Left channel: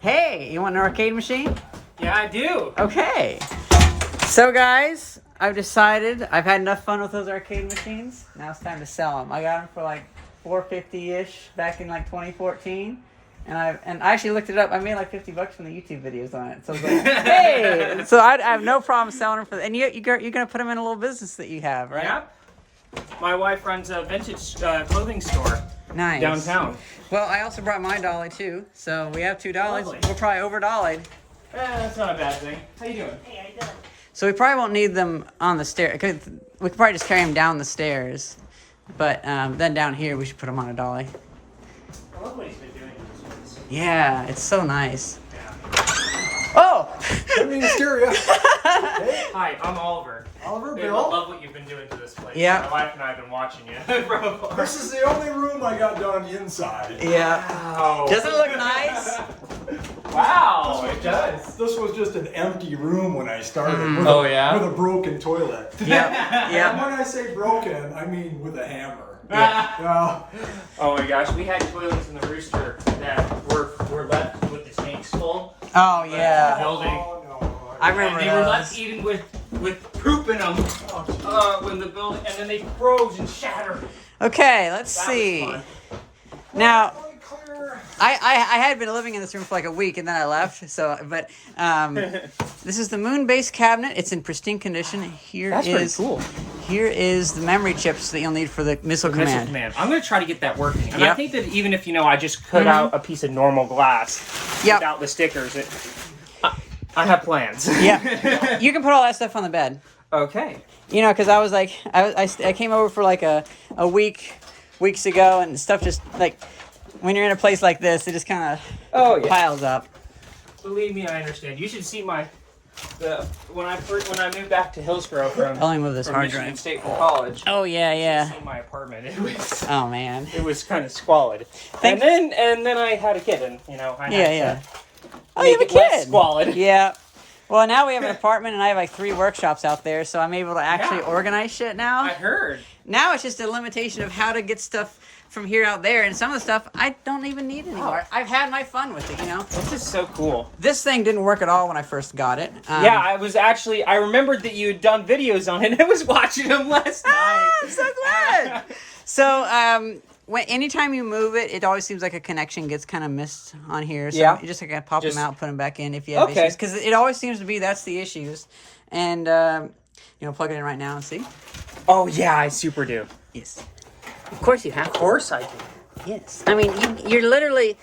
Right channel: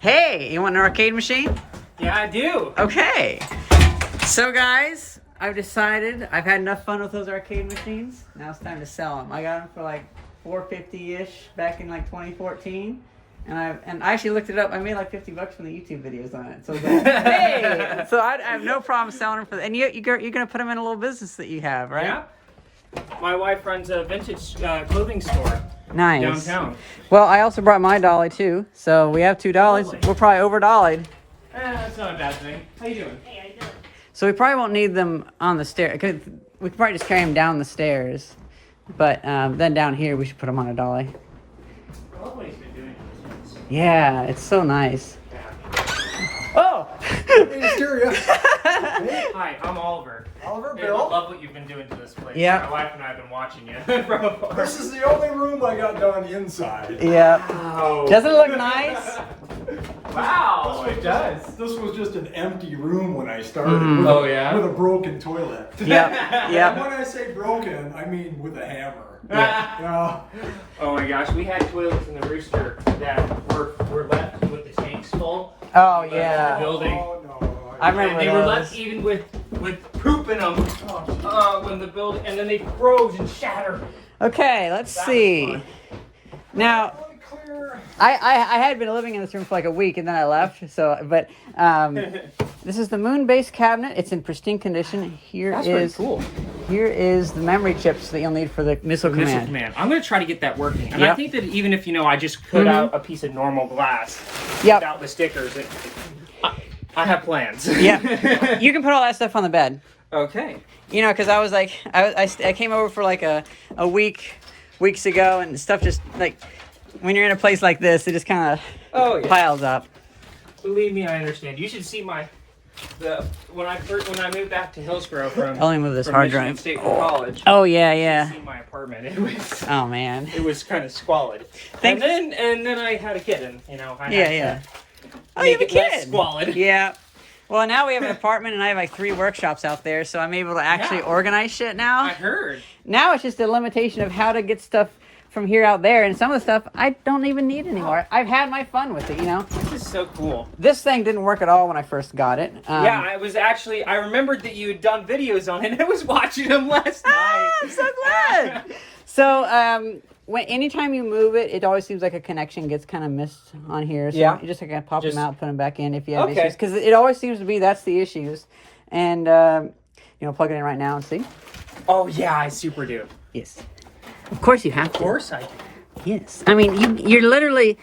Hey, you want an arcade machine? Yeah, I do. Okay. So guys, I've decided I've had enough fun with those arcade machines. Now it's time to sell them. I got them for like $450-ish back in like 2014. And I actually looked it up. I made like $50 from the YouTube videos on it. So I was like, hey! So I have no problem selling them for that. And you're going to put them in a little business that you have, right? Yeah. My wife runs a vintage clothing store. Nice. Downtown. Well, I also brought my dolly too. So we have $2. Lovely. We're probably over dollied. That's not a bad thing. How you doing? Hey, how you doing? So we probably won't need them on the stair. We could probably just carry them down the stairs. But then down here, we should put them on a dolly. I love what he's been doing. Yeah, it's so nice. Oh! Hysteria. Hi, I'm Oliver. Oliver, Hey, Bill. I love what you've been doing to this place. Yeah. My wife and I have been watching you from afar. This is the only room I got done inside. Yeah. Wow. Doesn't it look nice? Wow, it does. This was just an empty room when I started. With Oh, yeah? With a broken toilet. Yep. And Yep. when I say broken, I mean with a hammer. Yeah. Oh my gosh, we had toilets in the Rooster that were left with the tank skull. Oh, yeah. Building. Oh, no. I remember And they were those. left even with poop in them when the building, and then they froze and shattered. Okay, let's see. Now, I had been living in this room for like a week and then I left. But this is the moon base cabinet. It's in pristine condition. Here is the memory chips that you'll need for the missile command. I'm gonna try to get that working. And Yep. I think that even if I just cut out a piece of normal glass Yep. without the stickers, I have plans. Yeah, you can put all that stuff on the bed. Okay. You know, because I was like, I came over for like a weeks ago, and stuff just like when you're in a place like this, it just kind of piles up. Believe me, I understand. You should see when I moved back to Hillsborough from I'll only move this from hard Michigan drive. State for college. Oh yeah. In my apartment, Oh man. it was kind of squalid. Thanks. And then I had a kid, and I had Yeah. to Oh, you have a make it less kid. squalid. Yeah. Well, now we have an apartment, and I have like 3 workshops out there, so I'm able to actually Yeah. organize shit I now. heard. Now it's just a limitation of how to get stuff from here out there, and some of the stuff I don't even need anymore. I've had my fun with it, you know. This is so cool. This thing didn't work at all when I first got it. Yeah, I remembered that you had done videos on it, and I was watching them last night. I'm so glad. So, anytime you move it, it always seems like a connection gets kind of missed on here. So Yeah. you just gotta pop Just- them out, put them back in if you have Okay. issues, because it always seems to be that's the issues. And plug it in right now and see. Oh yeah, I super do. Yes. Of course you have. Of course I do. Yes. I mean, you're literally.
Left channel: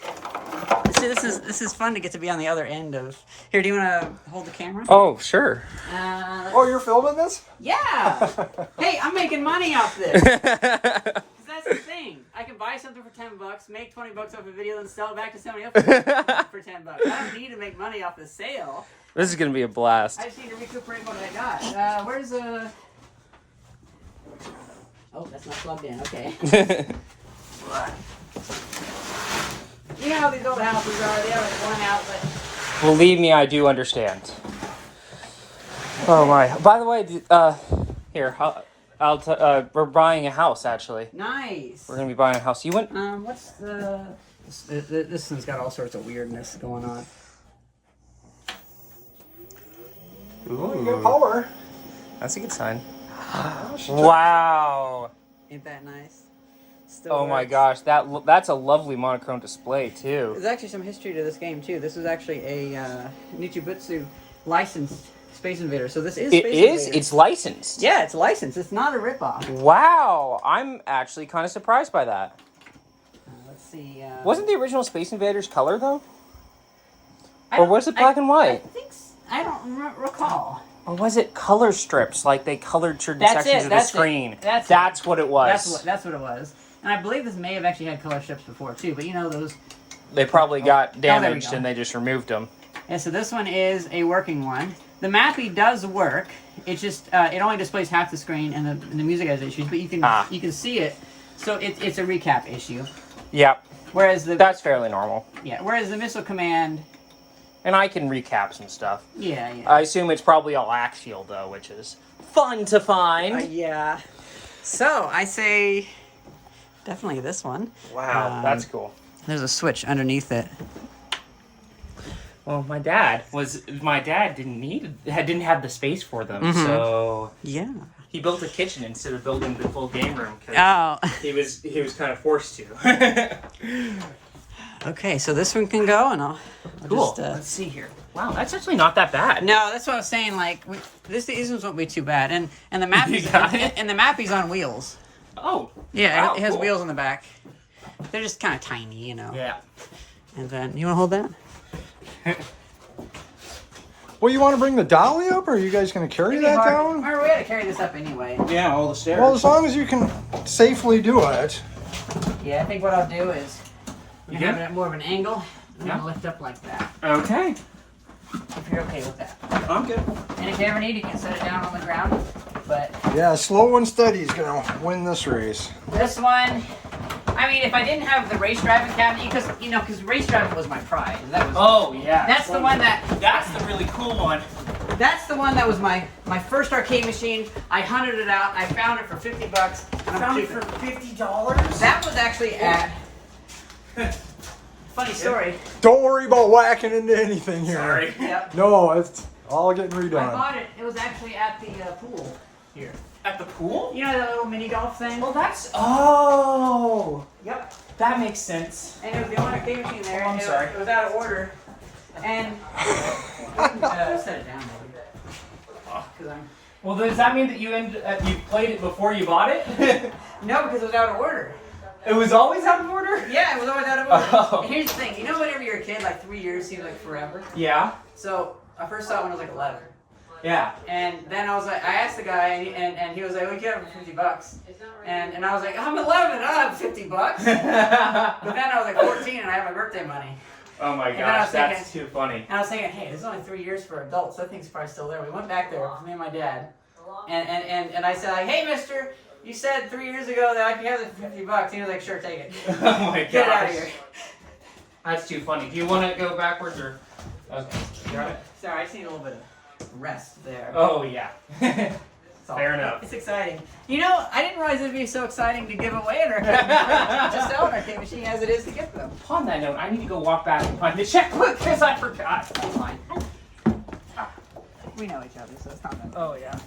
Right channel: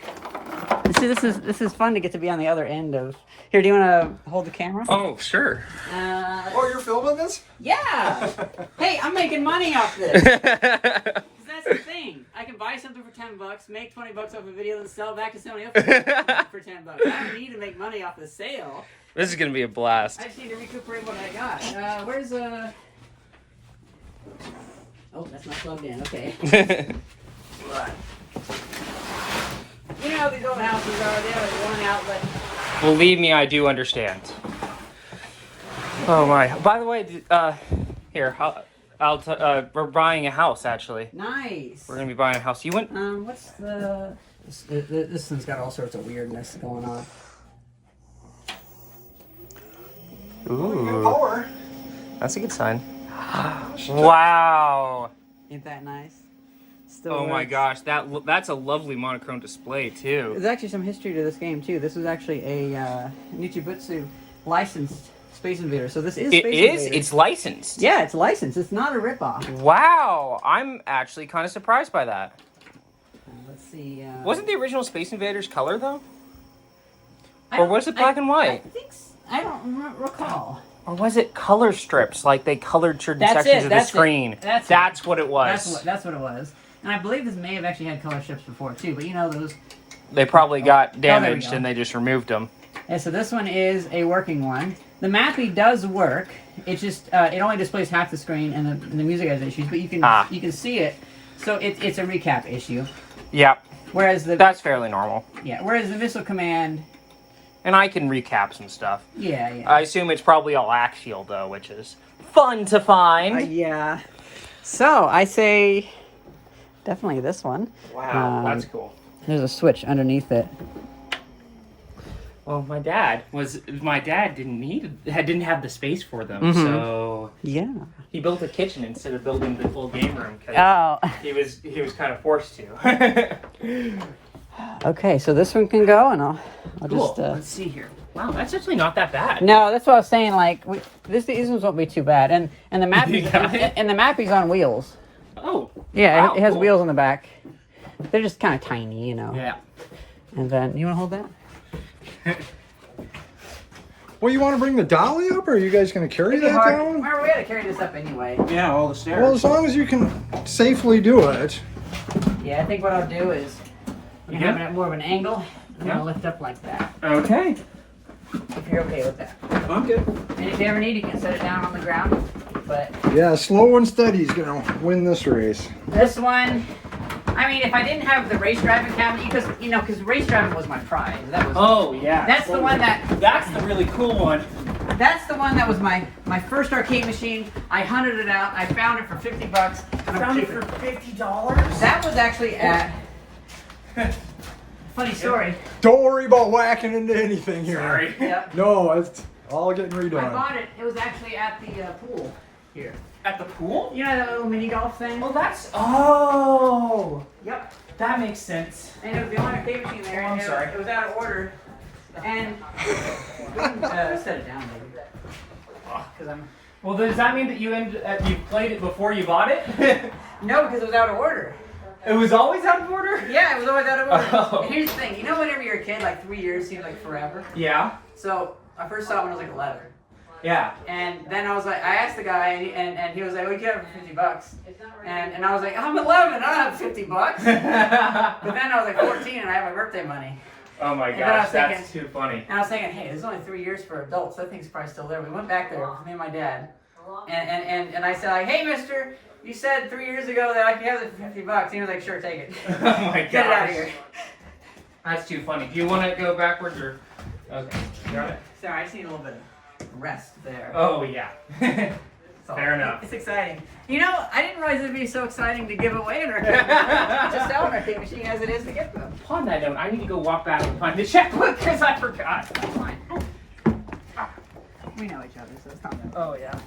This is fun to get to be on the other end of. Here, do you want to hold the camera? Oh sure. Oh, you're filming this? Yeah. Hey, I'm making money off this. 'Cause that's the thing. I can buy something for $10, make $20 off a video, then sell it back to somebody else for $10. I don't need to make money off the sale. This is gonna be a blast. I just need to recuperate what I got. Where's Oh, that's not plugged in. Okay. You know how these old houses are. They have one outlet. Believe me, I do understand. Oh my! By the way, here we're buying a house. Actually, Nice. we're gonna be buying a house. You went? What's the? This one's got all sorts of weirdness going on. Good power. That's a good sign. Wow! Ain't that nice? Still Oh my works. gosh, that's a lovely monochrome display too. There's actually some history to this game too. This was actually a Nichibutsu licensed Space Invader. So this is It Space is. Invader. It's licensed. Yeah, it's licensed. It's not a ripoff. Wow! I'm actually kind of surprised by that. Let's see. Wasn't the original Space Invaders color though? Or was it black and white? I think I don't recall. Or was it color strips? Like they colored certain That's sections it, of the that's it. screen. That's what it was. That's what it was. And I believe this may have actually had color strips before too. But you know those. They probably got we damaged go. and they just removed them. Yeah, so this one is a working one. The Mappy does work. It just it only displays half the screen, and the music has issues. But you can see it. So it's a recap issue. Yep, Whereas that's fairly normal. Whereas the missile command. And I can recap some stuff. Yeah. I assume it's probably all axial though, which is fun to find. Yeah. So I say definitely this one. Wow, that's cool. There's a switch underneath it. Well, my dad didn't have the space for them, so Yeah. he built a kitchen instead of building the full game room. Oh. He was kind of forced to. Okay, so this one can go, and I'll Cool. just. Let's see here. Wow, that's actually not that bad. No, that's what I was saying. Like these ones won't be too bad, and the Mappy's You got it? and the Mappy's on wheels. Oh. Yeah, wow, it has cool. wheels on the back. They're just kind of tiny, you know. Yeah. And then you want to hold that? Well, you want to bring the dolly up, or are you guys going to carry It'd be that hard. down? Remember, we had to carry this up anyway. Yeah, all the stairs. Well, as long as you can safely do it. Yeah, I think what I'll do is You have good? it at more of an angle. I'm Yeah. gonna lift up like that. Okay. If you're okay with that. I'm good. And if you ever need, you can set it down on the ground. But Yeah, slow and steady is going to win this race. this one, I mean, if I didn't have the race driving cabinet, because race driving was my pride. That was. Oh, yeah. That's the one that. That's the really cool one. That's the one that was my first arcade machine. I hunted it out. I found it for $50. And Found it for $50? That was actually at. Funny story. Don't worry about whacking into anything here. Sorry. Yep. No, it's all getting I redone. bought it. It was actually at the pool here. At the pool? You know that little mini golf thing? Well, that's... Oh! Yep. That makes sense. And it was the only arcade machine there. Oh, I'm and sorry. It was out of order. And set it down because I'm. Well, does that mean that you played it before you bought it? No, because it was out of order. It was always out of order? Yeah, it was always out of order. Oh. And here's the thing. You know, whenever you're a kid, like 3 years seems like forever. Yeah. So I first saw it when I was like 11. Yeah. And then I was like, I asked the guy, and he was like, "We get it for $50." And I was like, "I'm 11, I don't have $50." But then I was like 14, and I have my birthday money. Oh my And then I gosh, was that's thinking- too funny. And I was thinking, hey, this is only 3 years for adults. That thing's probably still there. We went back there, me and my dad. And I said, like, hey, mister, you said 3 years ago that I could have it for $50. He was like, sure, take it. Oh my gosh. Get it out of here. That's too funny. Do you want to go backwards or? Okay. You're on it. Sorry, I just need a little bit of rest there. Oh yeah. That's all. Fair enough. It's exciting. You know, I didn't realize it'd be so exciting to give away an arcade machine. Just sell an arcade machine as it is to get them. Upon that note, I need to go walk back and find the checkbook because I forgot. That's fine. We know each other, so it's not that. Oh yeah.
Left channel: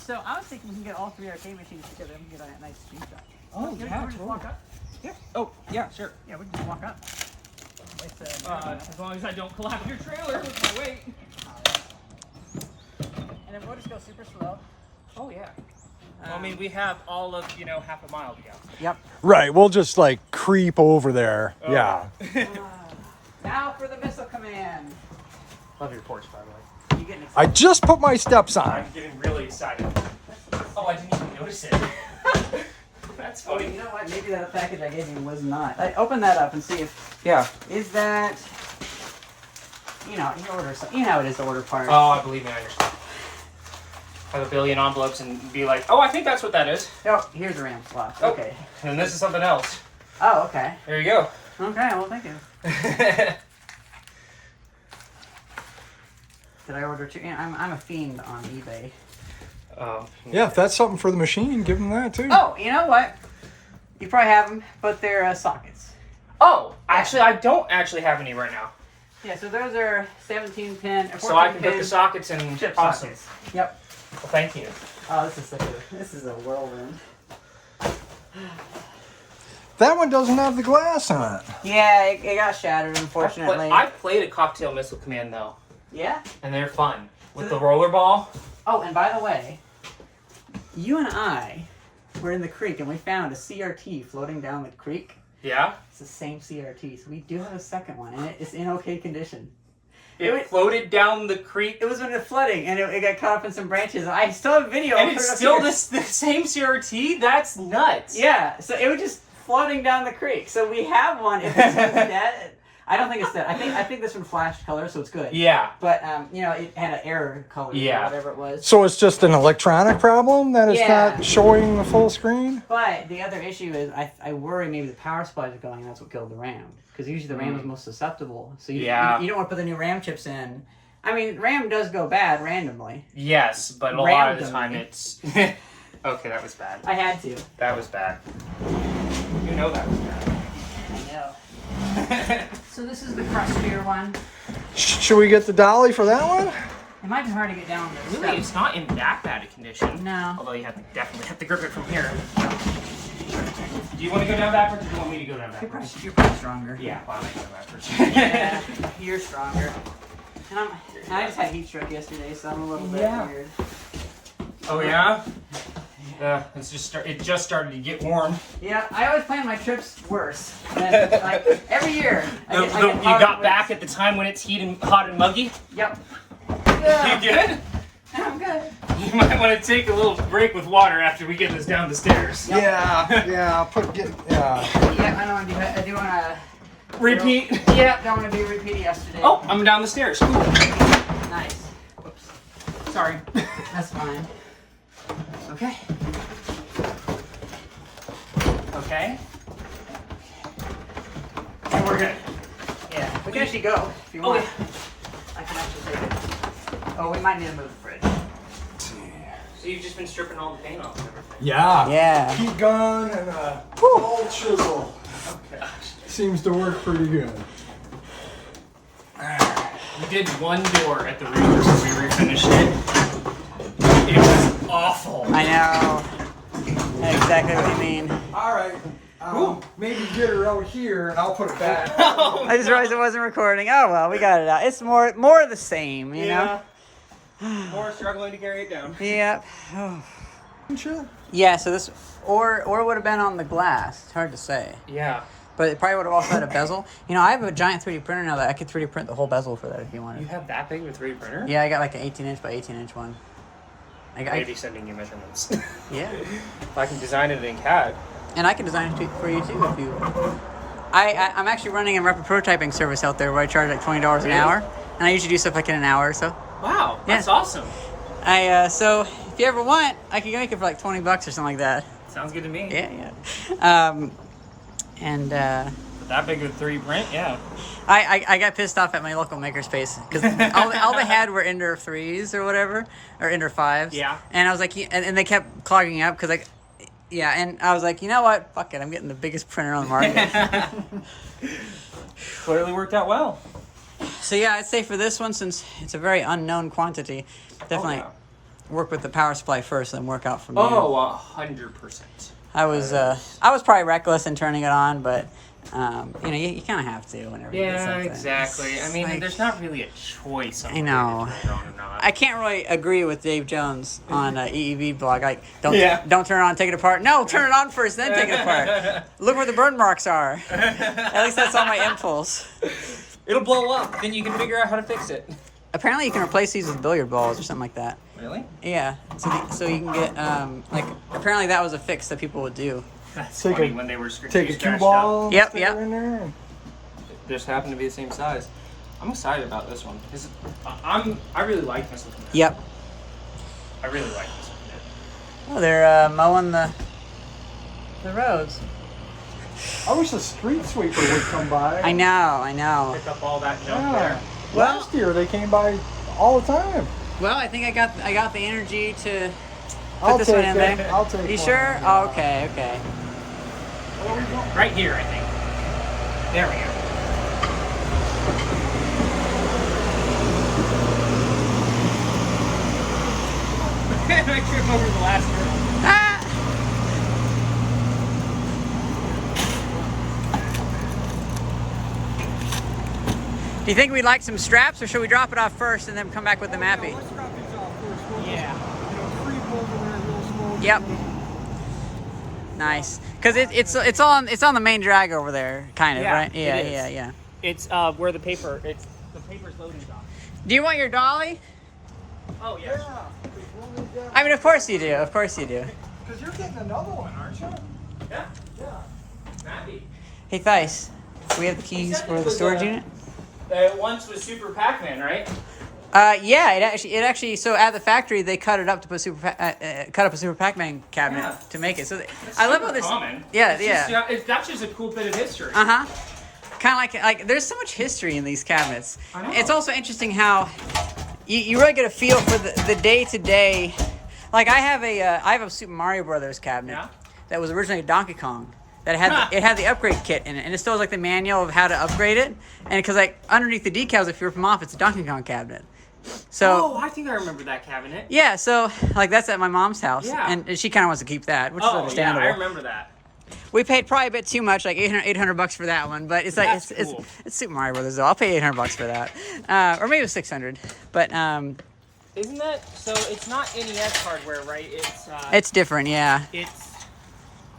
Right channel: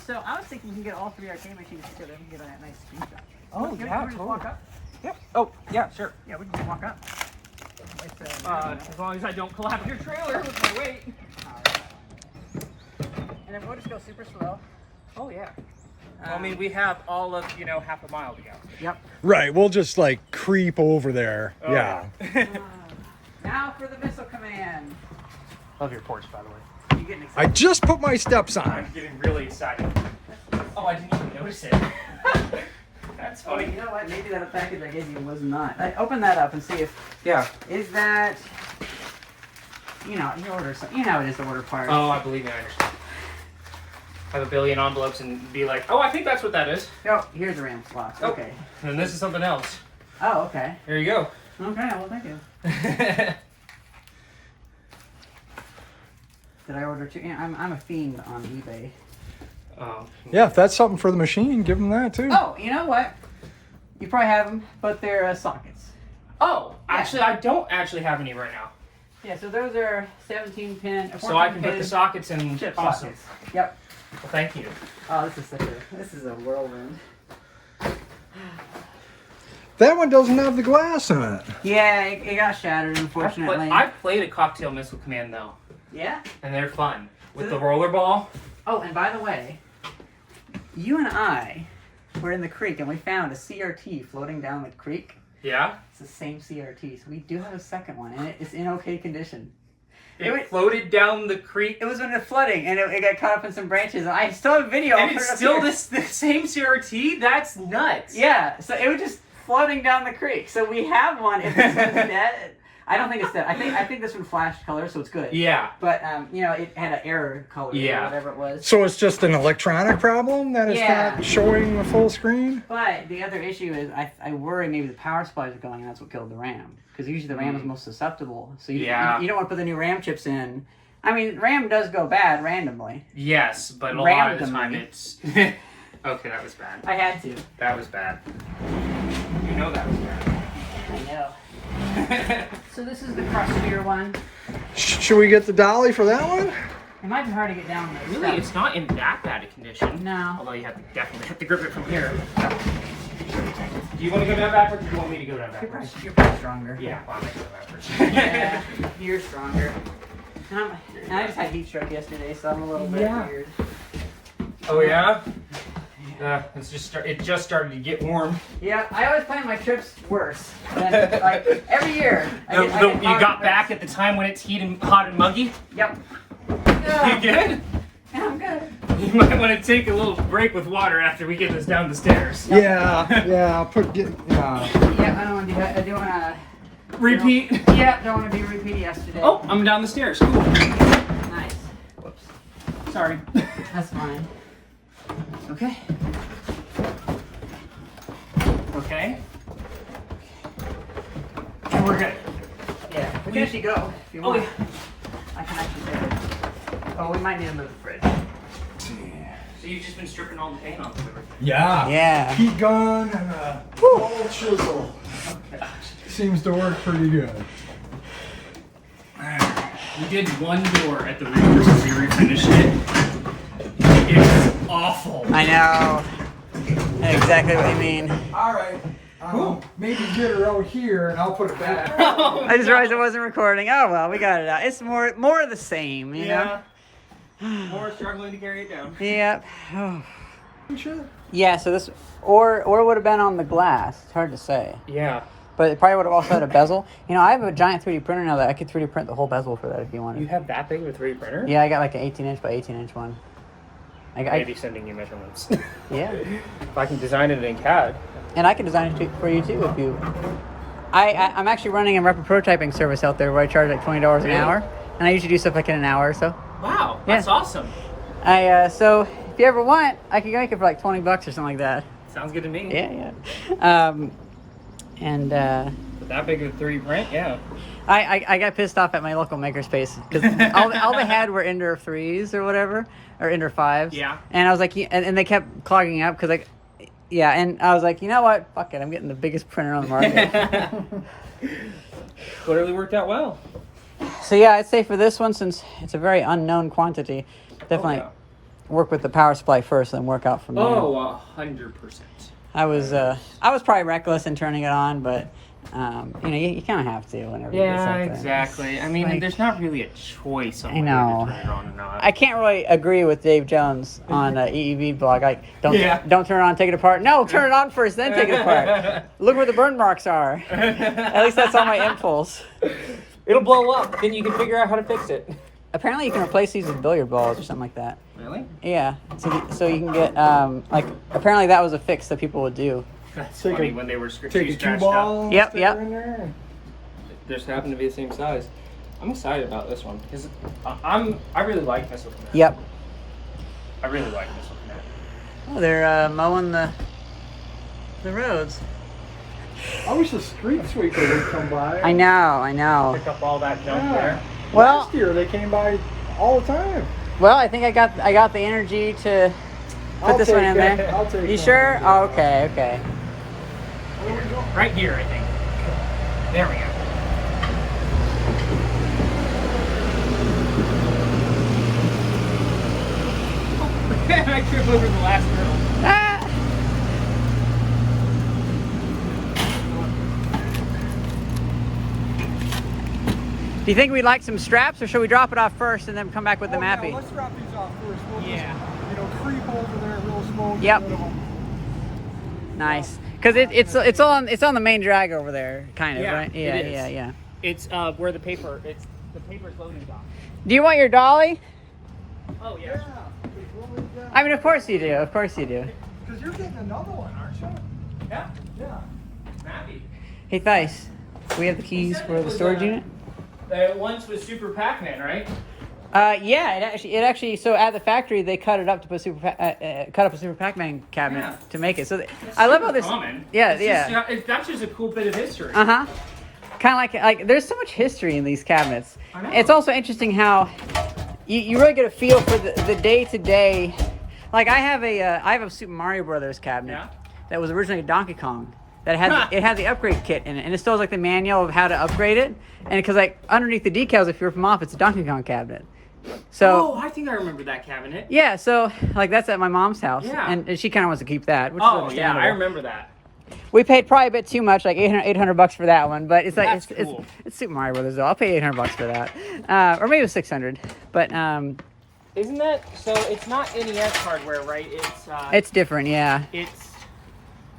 So I was thinking you can get all 3 arcade machines together and get on that nice screenshot. Oh Can we yeah, just totally. walk up? Yeah. Oh yeah, sure. Yeah, we can just walk up. As long as I don't collapse your trailer with my weight. And then we'll just go super slow. Oh yeah. I mean, we have all of half a mile to go. Yep. Right, we'll just like creep over there. Oh, yeah. Now for the missile command. Love your Porsche, by the way. You getting excited? I just put my steps on. I'm getting really excited. Oh, I didn't even notice it. That's Oh, funny. you know what? Maybe that package I gave you was not. Open that up and see if Yeah. is that. You order something. You know how it is to order parts. Oh, I believe me, I understand. Have a billion envelopes and be like, oh, I think that's what that is. Oh, here's the RAM slot. Oh. Okay. And this is something else. Oh, okay. There you go. Okay. Well, thank you. Did I order 2? Yeah, I'm a fiend on eBay. Oh. Yeah, if that's something for the machine, give them that too. Oh, you know what? You probably have them, but they're sockets. Oh, actually, I don't actually have any right now. Yeah, so those are 17 pin, 14 So I can pin hook the sockets and chip awesome. sockets. Yep. Well, thank you. Oh, this is a whirlwind. That one doesn't have the glass in it. Yeah, it got shattered, unfortunately. I've played a cocktail missile command though, Yeah? and they're fun with So the roller ball. Oh, and by the way, you and I were in the creek and we found a CRT floating down the creek. Yeah. It's the same CRT, so we do have a second one, and it's in okay condition. It floated down the creek. It was when it was flooding, and it got caught up in some branches. And I still have video. I'll And put it's it up still here. the same CRT? That's nuts. Yeah, so it was just floating down the creek. So we have one. If this one's dead, I don't think it's dead. I think this one flashed color, so it's good. Yeah. But it had an error color, Yeah. or whatever it was. So it's just an electronic problem that it's Yeah. not showing the full screen? But the other issue is I worry maybe the power supply is going, and that's what killed the RAM. Because usually the RAM is most susceptible. So you don't want to put the new RAM chips in. I mean, RAM does go bad randomly. Yes, but a lot of the time Randomly. it's... Okay, that was bad. I had to. That was bad. You know that was bad. I know. So this is the crustier one. Should we get the dolly for that one? It might be hard to get down those Really, steps. it's not in that bad a condition. No. Although you definitely have to grip it from here. Do you want to go down backwards or do you want me to go down backwards? You're probably stronger. Yeah, well, I'm going to go backwards. Yeah, you're stronger. And I just had heat stroke yesterday, so I'm a little bit weird. Oh, yeah? It just started to get warm. Yeah, I always plan my trips worse. Than, like, every year. You got back at the time when it's hot and muggy? Yep. You good? I'm good. You might want to take a little break with water after we get this down the stairs. Yeah, I'll Yeah, I don't want to do that. I do want to... Repeat? Yeah, don't want to be a repeat yesterday. Oh, I'm down the stairs. Cool. Nice. Whoops. Sorry. That's fine. Okay. Okay. And we're good. Yeah, we can actually go if you Oh, want. I can actually take it. Oh, we might need to move the fridge. So you've just been stripping all the paint off of everything? Yeah. Yeah. Heat gun and a old chisel. Seems to work pretty good. We did one door at the Reaper since we finished it. It was awful. I know. I know exactly what you mean. All right. Maybe get her out here and I'll put it back. I just realized it wasn't recording. Oh well, we got it out. It's more of the same, you know? More struggling to carry it down. Yep. Oh. Sure. Yeah, so this or would have been on the glass. It's hard to say. Yeah. But it probably would have also had a bezel. You know, I have a giant 3D printer now that I could 3D print the whole bezel for that if you wanted. You have that big of a 3D printer? Yeah, I got like an 18-inch by 18-inch one. Maybe sending you measurements. Yeah. If I can design it in CAD. And I can design it for you too if you... I'm actually running a rapid prototyping service out there where I charge like $20 an Really? hour. And I usually do stuff like in an hour or so. Wow, that's awesome. So if you ever want, I can make it for like $20 or something like that. Sounds good to me. Yeah. But that big of a 3D print, yeah. I got pissed off at my local makerspace because all they had were Ender 3s or whatever, or Ender 5s. Yeah. And I was like, and they kept clogging up because like, yeah, and I was like, you know what? Fuck it, I'm getting the biggest printer on the market. Clearly worked out well. So yeah, I'd say for this one, since it's a very unknown quantity, definitely work with the power supply first, then work out from there. Oh, 100%. I was probably reckless in turning it on, but you kind of have to whenever you get something. Yeah, exactly. I mean, like- there's not really a choice. I know. I can't really agree with Dave Jones on EEV blog. Like, don't turn it on, take it apart. No, turn it on first, then take it apart. Look where the burn marks are. At least that's all my impulse. It'll blow up. Then you can figure out how to fix it. Apparently, you can replace these with billiard balls or something like that. Really? Yeah. So you can get apparently that was a fix that people would do. That's Take funny a- when they were Take a scratched cue up. ball. Yep, stick yep. it in there and- Just happened to be the same size. I'm excited about this one because I really like this one. Yep. I really like this one. Oh, they're mowing the roads. I wish the street sweeper would come by. I know. Pick up all that junk there. Well, Last year they came by all the time. well, I think I got the energy to put this one in there. I'll take You one. sure? Oh, okay. Where we go? Right here, I think. There we go. I trip over the last hurdle. Ah! Do you think we'd like some straps, or should we drop it off first and then come back with the Mappy? Yeah, let's drop these off first. We'll just, creep over there real slow. Yep. Get rid of them. Nice, because it's on the main drag over there, kind of, Yeah, right? Yeah, it is. yeah. It's where the paper's loading dock. Do you want your dolly? Oh yeah. I mean, of course you do. Of course you do. Because you're getting another one, aren't you? Yeah. Yeah. Mappy. Hey, Thice, we have the keys for the storage unit. Once was Super Pac-Man, right? Yeah, it actually. So at the factory, they cut it up to put cut up a Super Pac-Man cabinet Yeah. to make it. So I love how this. Common. Yeah, That's just a cool bit of history. Uh huh. Kind of like there's so much history in these cabinets. I know. It's also interesting how you really get a feel for the day to day. Like I have a Super Mario Brothers cabinet Yeah. that was originally a Donkey Kong that had the upgrade kit in it, and it still has like the manual of how to upgrade it. And because like underneath the decals, if you rip them off, it's a Donkey Kong cabinet. So I think I remember that cabinet. yeah, so like that's at my mom's house, Yeah. and she kind of wants to keep that, which is understandable. Yeah, I remember that. We paid probably a bit too much, like $800 for that one, but it's like That's cool. it's Super Mario Brothers though. I'll pay $800 for that, or maybe it was $600. But Isn't that so? It's not NES hardware, right? it's different, yeah.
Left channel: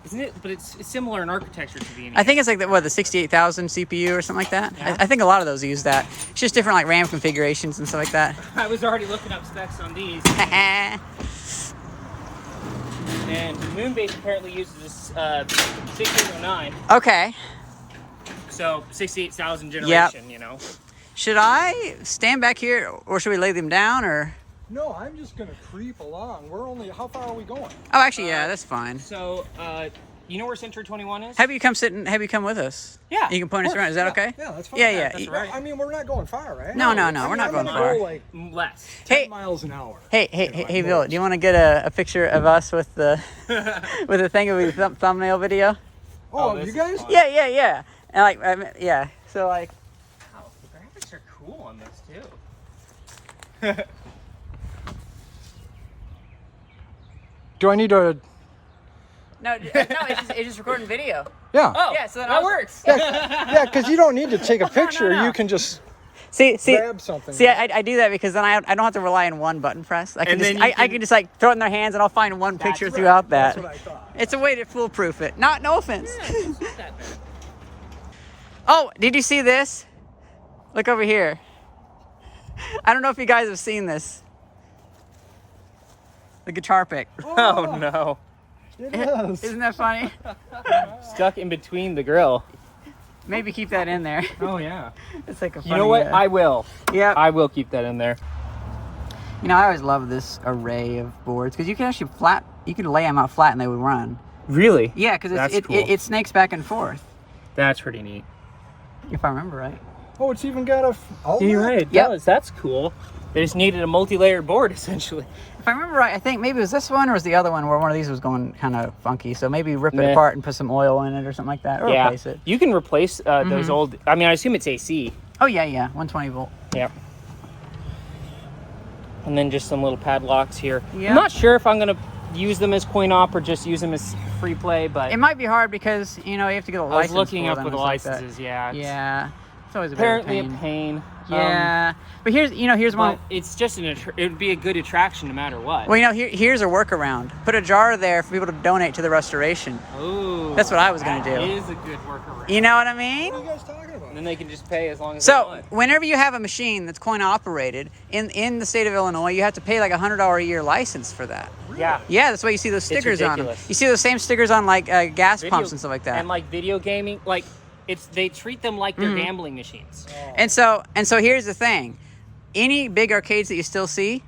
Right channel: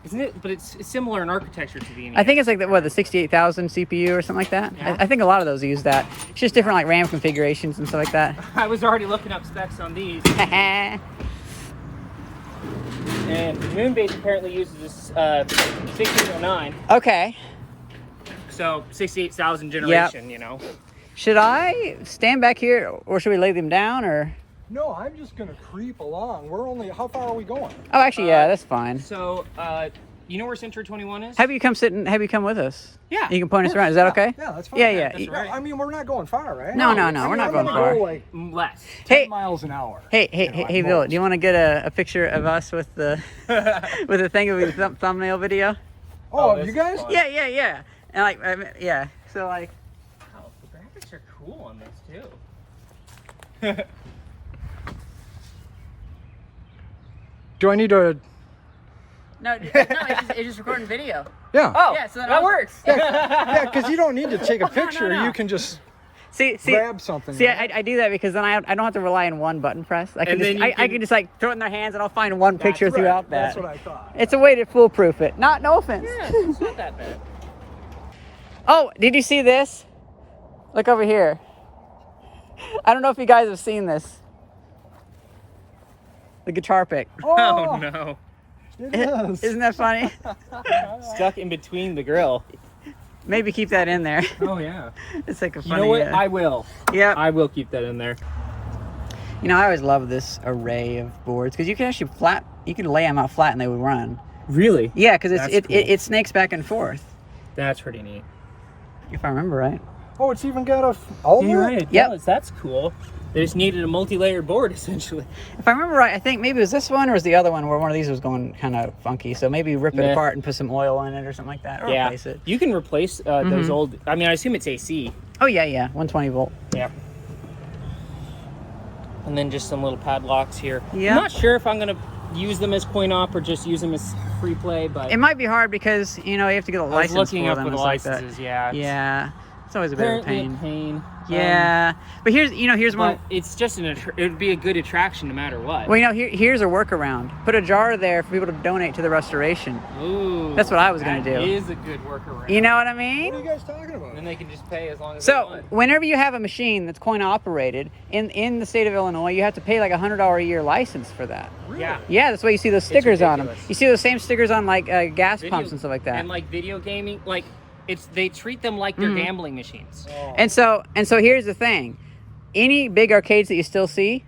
Isn't it? But it's similar in architecture to the NES. I think it's like the 68,000 CPU or something like that. Yeah. I think a lot of those use that. It's just different like RAM configurations and stuff like that. I was already looking up specs on these, and Moonbase apparently uses 1609, Okay. so 68,000 generation. You know. Should I stand back here, or should we lay them down, or? No, I'm just gonna creep along. How far are we going? Oh, actually, yeah, that's fine. So, you know where Century 21 is? Have you come with us? Yeah. You can point us around. Is that okay? Yeah, that's fine. Yeah, yeah. That's right. I mean, we're not going far, right? No, we're not going far. Like Less. 10 Hey, miles an hour. hey, Bill, do you want to get a picture of us with the with the thing of the thumbnail video? Oh, this you is guys? fun. Yeah. And like, yeah. So like, Wow, the graphics are cool on this too. Do I need to? no, it's just recording video. Yeah. Oh, Yeah, so then that I was- works. Yeah, because you don't need to take a picture. no. You can just See, grab something. See, I do that because then I don't have to rely on one button press. I can And just then you I can just like throw it in their hands and I'll find one picture That's right. throughout that. That's what I thought. It's a way to foolproof it. No offense. It's not that bad. Oh, did you see this? Look over here. I don't know if you guys have seen this. The guitar pick. Oh no. It is. Isn't that funny? Stuck in between the grill. Maybe keep that in there. Oh yeah. It's like a You funny. know what? I will. Yeah. I will keep that in there. You know, I always love this array of boards because you can actually you can lay them out flat and they would run. Really? Yeah, because That's it cool. it snakes back and forth. That's pretty neat. If I remember right. Oh, it's even got a. Oh, You're right. It Yep. does. That's cool. They just needed a multi-layered board essentially. If I remember right, I think maybe it was this one or was the other one where one of these was going kind of funky. So maybe rip it Meh. apart and put some oil in it or something like that, or replace it. You can replace those old. I mean, I assume it's AC. Oh yeah, 120 volt. Yeah. And then just some little padlocks here. Yeah. I'm not sure if I'm gonna use them as coin op or just use them as free play, but It might be hard because you know you have to get a I was license looking for up them with and the stuff like that. licenses. Yeah. Yeah, it's always a bit of a Apparently pain. a pain. Yeah, but here's one. But it's just it would be a good attraction no matter what. Well, you know, here's a workaround. Put a jar there for people to donate to the restoration. Ooh, That's what I was gonna that do. is a good workaround. You know what I mean? What are you guys talking about? And they can just pay as long as they So want. whenever you have a machine that's coin operated in the state of Illinois, you have to pay like $100 a year license for that. Really? Yeah. Yeah, that's why you see those stickers on them. ridiculous. You see those same stickers on like gas Video- pumps and stuff like that. And like video gaming, like they treat them like they're gambling machines. And so here's the thing. Any big arcades that you still see,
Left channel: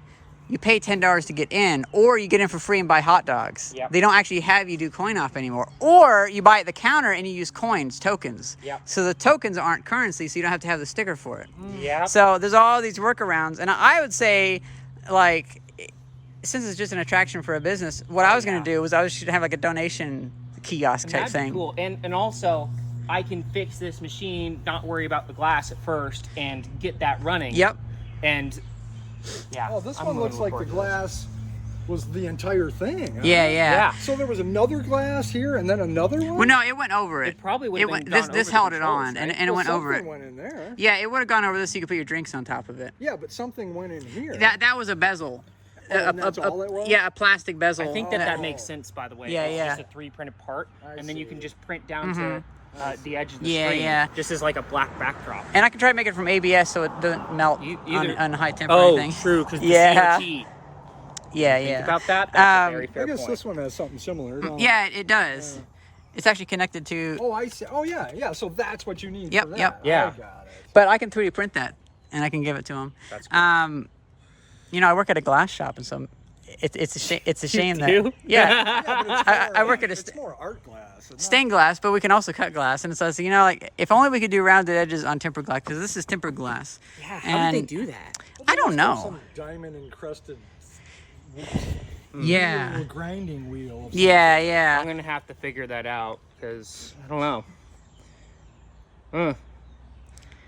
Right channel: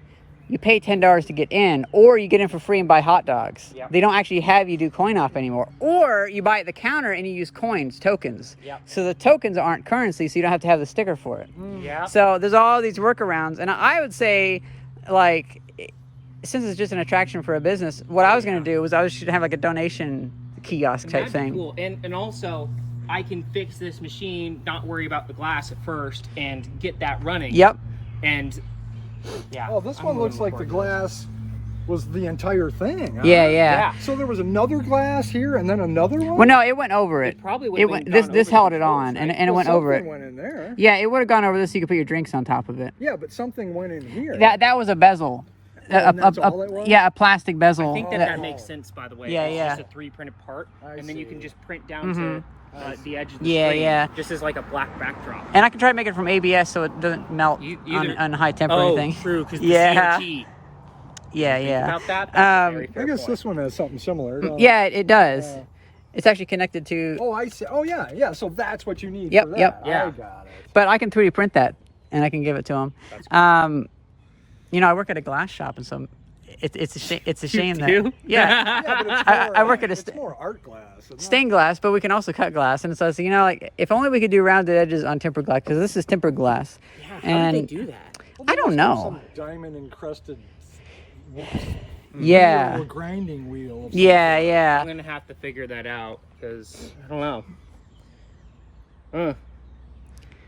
you pay $10 to get in, or you get in for free and buy hot dogs. Yep. They don't actually have you do coin op anymore. Or you buy at the counter and you use coins, tokens. Yep. So the tokens aren't currency, so you don't have to have the sticker for it. Yeah. So there's all these workarounds, and I would say, like, since it's just an attraction for a business, what I was going to do was I should have like a donation kiosk type That'd be thing. Cool. And also, I can fix this machine, not worry about the glass at first, and get that running. Yep. And yeah. Oh, this I'm one moving looks like the forward. glass was the entire thing. Huh? Yeah. So there was another glass here and then another one? Well, no, it went over it. It probably would It have went. been This gone this over held the it on, controls, and it went over it. Something went in there. Yeah, it would have gone over this, so you could put your drinks on top of it. Yeah, but something went in here. That was a bezel. and that's all it was? Yeah, a plastic bezel. I think that makes sense, by the way. Yeah, it's yeah. just a 3 printed part, I and then you see. can just print down to the edge of the Yeah, screen. yeah. Just as like a black backdrop. And I can try to make it from ABS so it doesn't melt on high temp or anything. True, because Yeah. the CRT. Yeah, Think yeah. about that? That's a very I fair guess point. this one has something similar. don't it? Yeah, it does. It's actually connected to. Oh, I see. Oh, yeah. So that's what you need. Yep, for that. yep. Yeah. I got it. But I can 3D print that, and I can give it to them. That's cool. You know, I work at a glass shop, and so it's a shame. It's a shame that. do? Yeah. Yeah, but it's I more- work at a it's more art glass. It's stained glass, but we can also cut glass, and so I said, you know, like if only we could do rounded edges on tempered glass, because this is tempered glass. How and did they do that? I don't know. Some diamond encrusted. Yeah. Or grinding wheel. Yeah, yeah. I'm gonna have to figure that out because I don't know.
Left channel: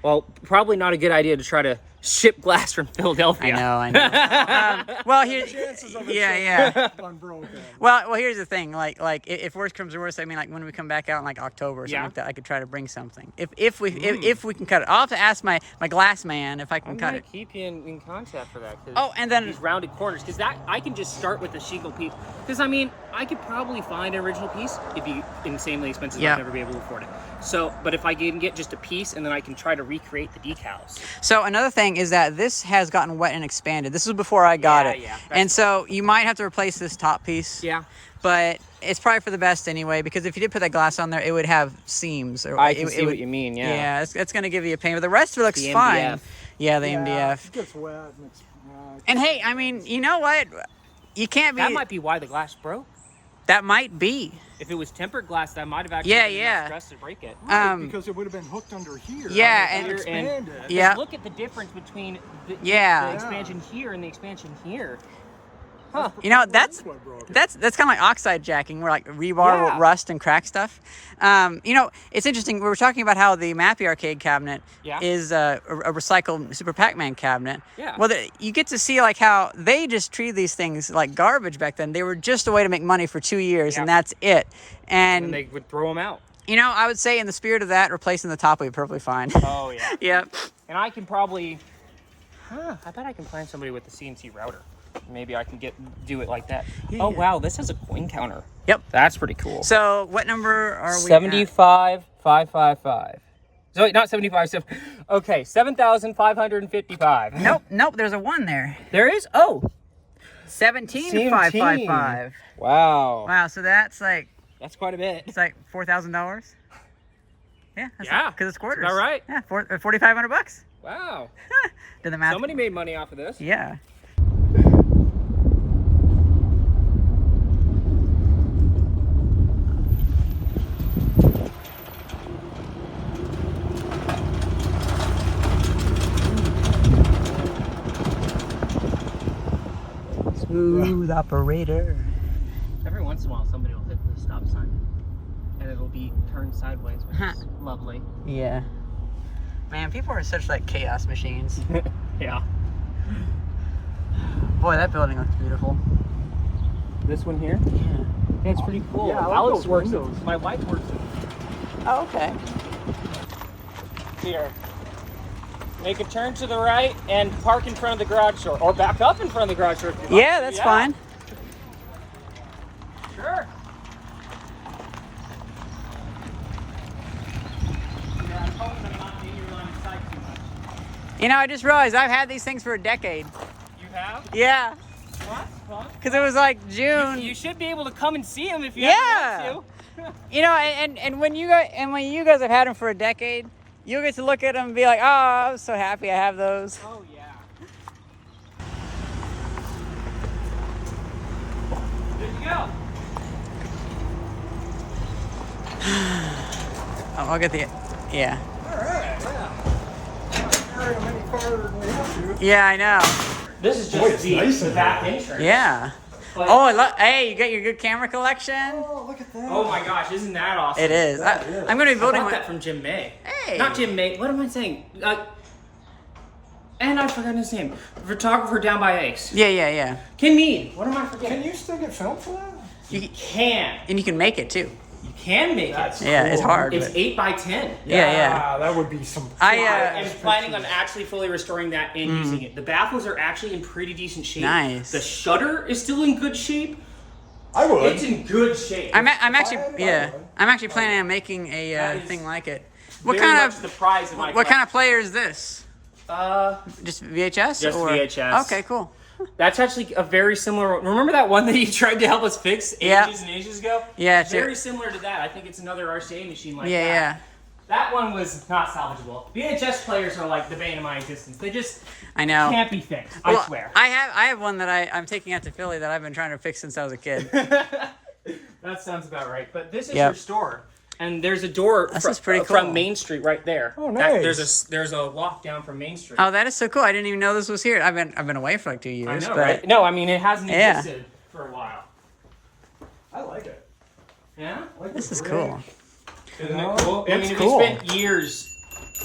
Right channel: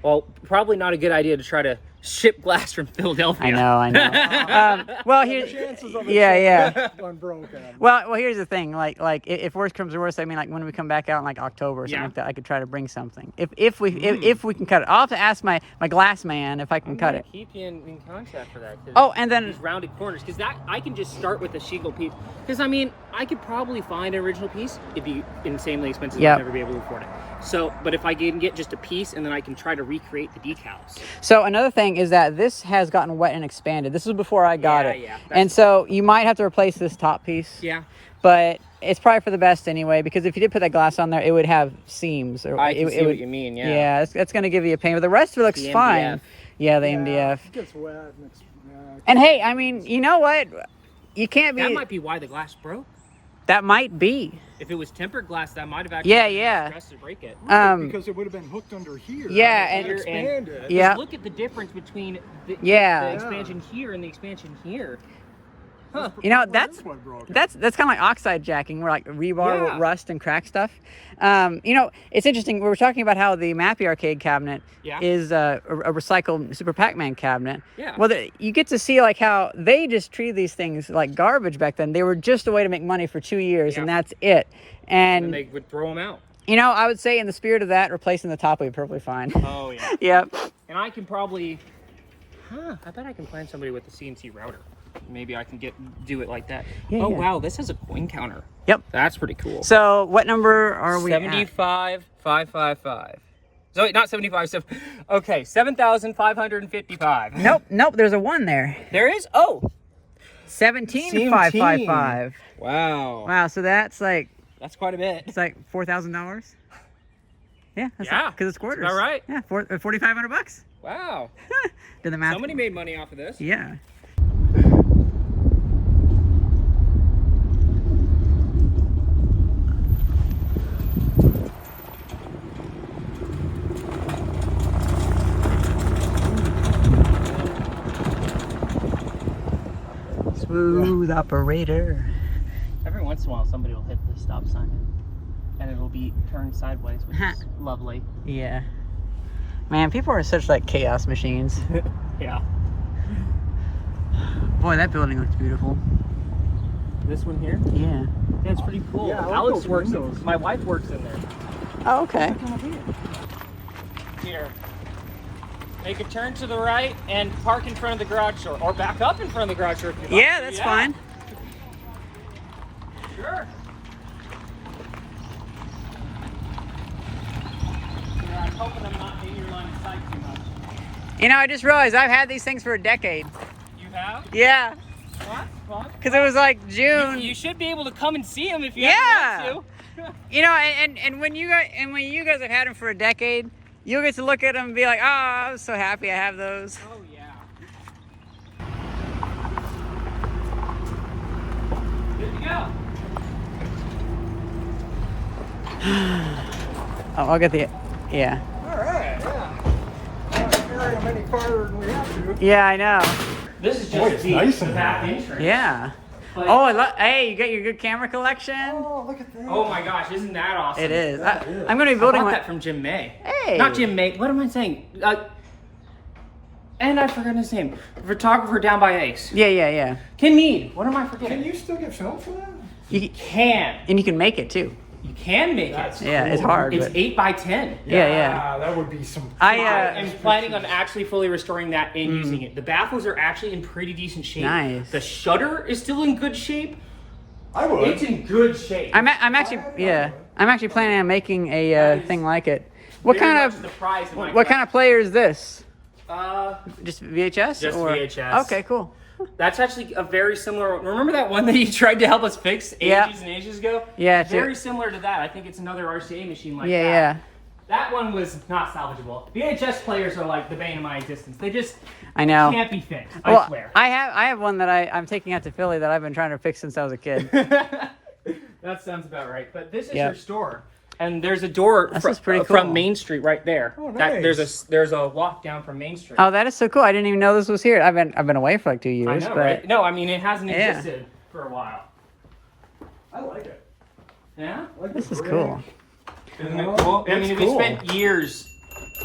Well, probably not a good idea to try to ship glass from Philadelphia. I know. Well, here, yeah. Unbroken. Well, here's the thing. Like if worse comes to worse, I mean, like when we come back out in like October or something like that, I could try to bring something. If we can cut it, I'll have to ask my glass man if I can cut it. Keep you in contact for that. Oh, and then these rounded corners, because that I can just start with a shingle piece. Because I mean, I could probably find an original piece. It'd be insanely expensive. I'd never be able to afford it. So, but if I can get just a piece, and then I can try to recreate the decals. So another thing is that this has gotten wet and expanded. This was before I got it, and so you might have to replace this top piece. Yeah. But it's probably for the best anyway, because if you did put that glass on there, it would have seams. Or I can see what you mean. Yeah. Yeah, it's going to give you a pain, but the rest of it looks fine. Yeah, the MDF. It gets wet. And hey, I mean, you know what? You can't be. That might be why the glass broke. That might be. If it was tempered glass, that might have actually been stressed to break it. Because it would have been hooked under here. Yeah, and expanded. Yeah. Look at the difference between the expansion here and the expansion here. Huh. You know, that's kind of like oxide jacking, where like rebar will rust and crack stuff. You know, it's interesting. We were talking about how the Mappy arcade cabinet is a recycled Super Pac-Man cabinet. Yeah. Well, you get to see like how they just treated these things like garbage back then. They were just a way to make money for 2 years, and that's it. And they would throw them out. You know, I would say in the spirit of that, replacing the top would be perfectly fine. Oh yeah. Yep. And I can probably. I bet I can find somebody with a CNC router. Maybe I can do it like that. Yeah, wow, this has a coin counter. Yep. That's pretty cool. So what number are we 75,555. So wait, not 75. So, okay, 7,555. Nope. There's a 1 there. There is? Oh. 17,555. Wow. Wow, so that's like... That's quite a bit. It's like $4,000. Yeah. Yeah. Because it's quarters. Is that right? Yeah, $4,500. Wow. Did the math. Somebody made money off of this. Yeah. Smooth operator. Every once in a while, somebody will hit the stop sign and it'll be turned sideways, which is lovely. Yeah. Man, people are such like chaos machines. Yeah. Boy, that building looks beautiful. This one here? Yeah. Yeah, it's pretty cool. Yeah, I like Alex those works. windows. My wife works in there. Oh, okay. Here. Make a turn to the right and park in front of the garage door, or back up in front of the garage door. Yeah, that's fine. Sure. Yeah, I'm hoping I'm not in your line of sight too much. You know, I just realized I've had these things for a decade. You have? Yeah. What? Fun? Because it was like June. You should be able to come and see them if you want to. You know, and when you guys have had them for a decade, you'll get to look at them and be like, oh, I'm so happy I have those. Oh yeah. Good to go. Oh, I'll get the, yeah. Yeah, I know. This is just Boy, it's nice in back here. entrance. Yeah. Oh, hey, you got your good camera collection? Oh, look at that. Oh my gosh, isn't that awesome? It is. I'm going to be building I got one. that from Jim May. Hey. Not Jim May. What am I saying? And I forgot his name. Photographer down by Ace. Yeah. Ken Mead. What am I forgetting? Can you still get film for that? You can. And you can make it too. You can make it. Yeah, it's hard. It's But 8 by 10. yeah. That would be some. I am planning on actually fully restoring that and using it. The baffles are actually in pretty decent shape. Nice. The shutter is still in good shape. I would. It's in good shape. I'm actually planning on making a thing like it. What kind of player is this? Just VHS Just or VHS. Okay, cool. That's actually a very similar. Remember that one that you tried to help us fix ages and ages ago? Yeah, very similar to that. I think it's another RCA machine like that. Yeah. That one was not salvageable. VHS players are like the bane of my existence. They just I know. can't be fixed. Well, I swear. I have one that I'm taking out to Philly that I've been trying to fix since I was a kid. That sounds about right. But this is your store, and there's a door pretty cool. from Main Street right there. Oh, nice. There's a walk down from Main Street. Oh, that is so cool. I didn't even know this was here. I've been away for like 2 years. I know, but right? No, I mean it hasn't existed for a while. I like it. Yeah? I like This the is gray. cool. Isn't it cool? I It's mean, cool. we spent years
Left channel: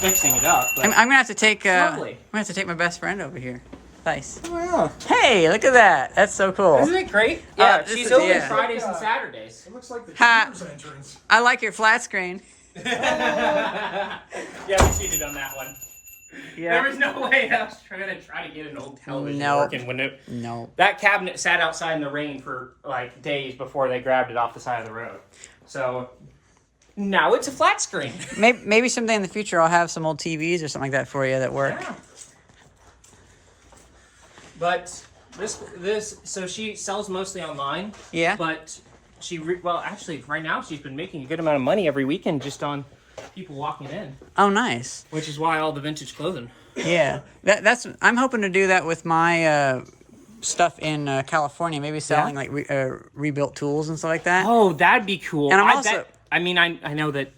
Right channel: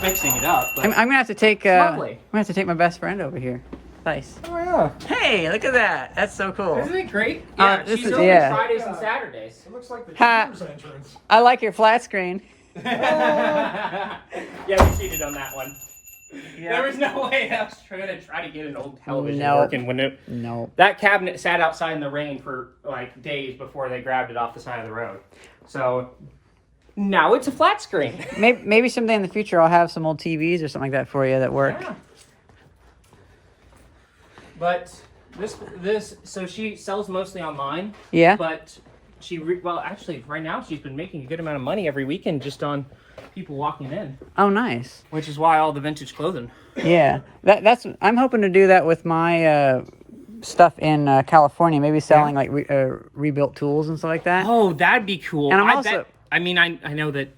fixing it up. But I'm gonna have to take. Lovely. I'm gonna have to take my best friend over here. Nice. Oh, yeah. Hey, look at that. That's so cool. Isn't it great? Yeah, this she's is- open yeah. Fridays and Saturdays. It looks like the Ha. Cheers entrance. I like your flat screen. Yeah, we cheated on that one. Yeah. There was no way I was trying to get an old television No. working when it. No. That cabinet sat outside in the rain for like days before they grabbed it off the side of the road. So now it's a flat screen. Maybe someday in the future I'll have some old TVs or something like that for you that work. Yeah. But this so she sells mostly online. Yeah. But well, actually, right now she's been making a good amount of money every weekend just on people walking in, Oh, nice. which is why all the vintage clothing. Yeah. That's. I'm hoping to do that with my stuff in California. Maybe selling like rebuilt tools and stuff like that. Oh, that'd be cool. And I'm I also- bet, I mean, I know that.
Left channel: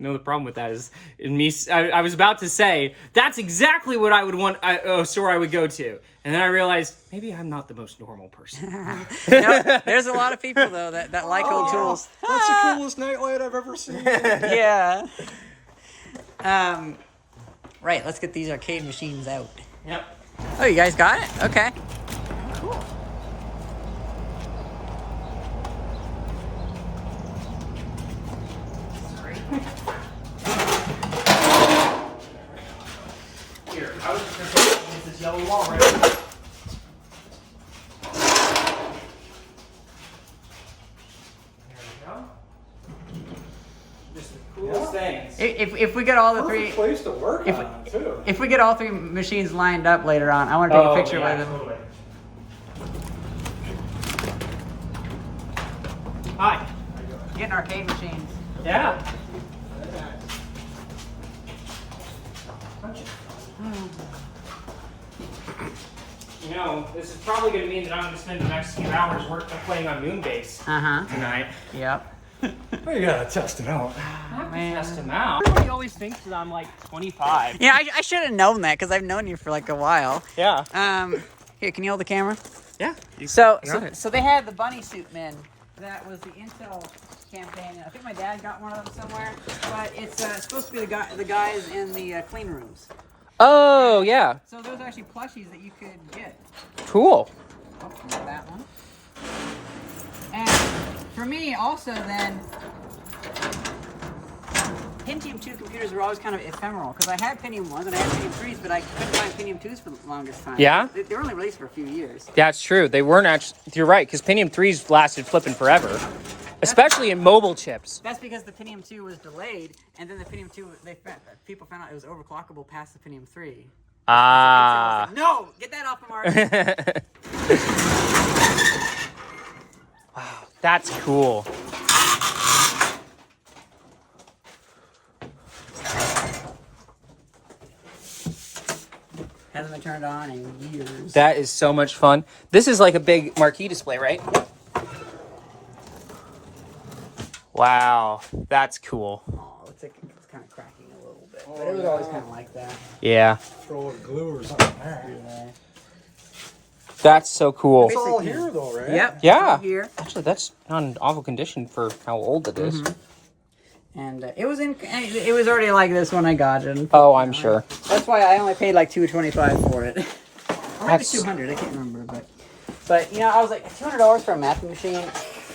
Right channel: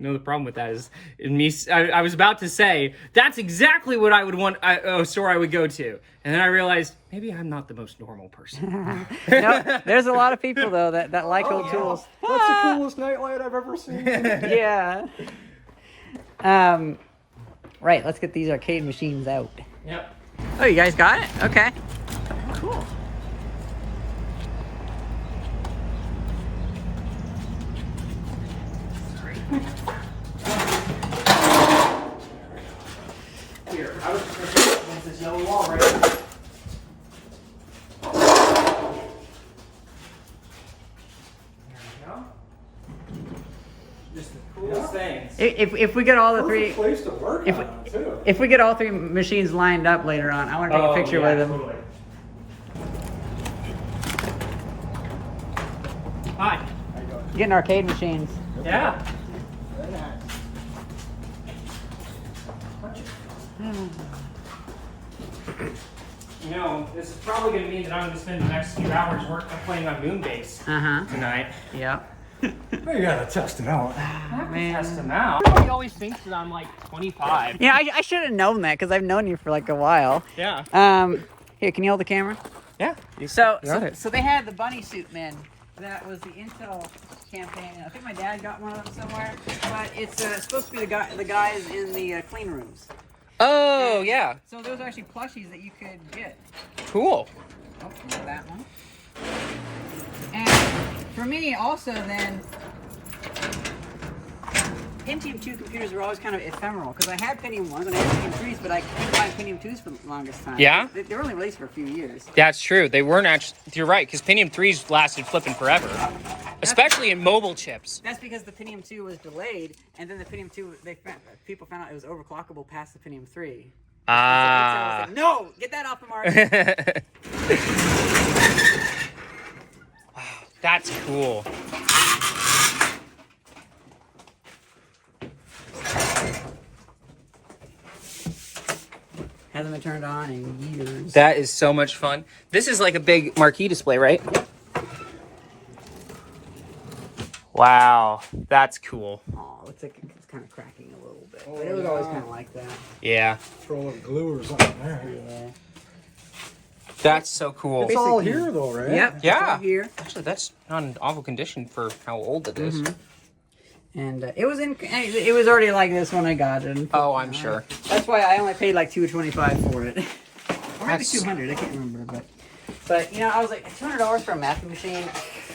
No, the problem with that is in me. I was about to say that's exactly what I would want. A store I would go to, and then I realized maybe I'm not the most normal person. No, there's a lot of people though that like old tools. That's the coolest nightlight I've ever seen. Yeah. Right. Let's get these arcade machines out. Yep. Oh, you guys got it? Okay. Cool. Here, I was just against this yellow wall right here. There we go. Just the coolest things. If we get all the Perfect three, place to work if on them, too. if we get all three machines lined up later on, I want to take a picture with them. Totally. Hi. Getting arcade machines. Yeah. You know, this is probably going to mean that I'm going to spend the next few hours playing on Moonbase tonight. Yep. Oh, you gotta test it out. Man. Test him out. Everybody always thinks that I'm like 25. Yeah, I should have known that because I've known you for like a while. Yeah. Here, can you hold the camera? Yeah. So got it. so they had the bunny suit men. That was the Intel campaign. I think my dad got one of them somewhere. But it's supposed to be the guys in the clean rooms. Oh, yeah. So those are actually plushies that you could get. Cool. Oh, not that one. And for me, also then, Pentium 2 computers were always kind of ephemeral because I had Pentium 1s and I had Pentium 3s, but I couldn't find Pentium 2s for the longest time. Yeah? They were only released for a few years. That's true. They weren't actually. You're right, because Pentium 3s lasted flipping forever. Especially in mobile chips. That's because the Pentium 2 was delayed, and then the Pentium 2, people found out it was overclockable past the Pentium 3. Ah. Like, no! Get that off the market! Wow, that's cool. Hasn't been turned on in years. That is so much fun. This is like a big marquee display, right? Wow, that's cool. Oh, looks like it's kind of cracking a little bit, but it was always kind of like that. Yeah, Throw a little glue or something there. Yeah. that's so cool. It's all here, though, right? Yep. it's Yeah. all here. Actually, that's not in awful condition for how old it is. And it was already like this when I got it. Oh, I'm sure. That's why I only paid like $225 for it. Or maybe That's- $200. I can't remember, but you know, I was like $200 for a Mappy machine.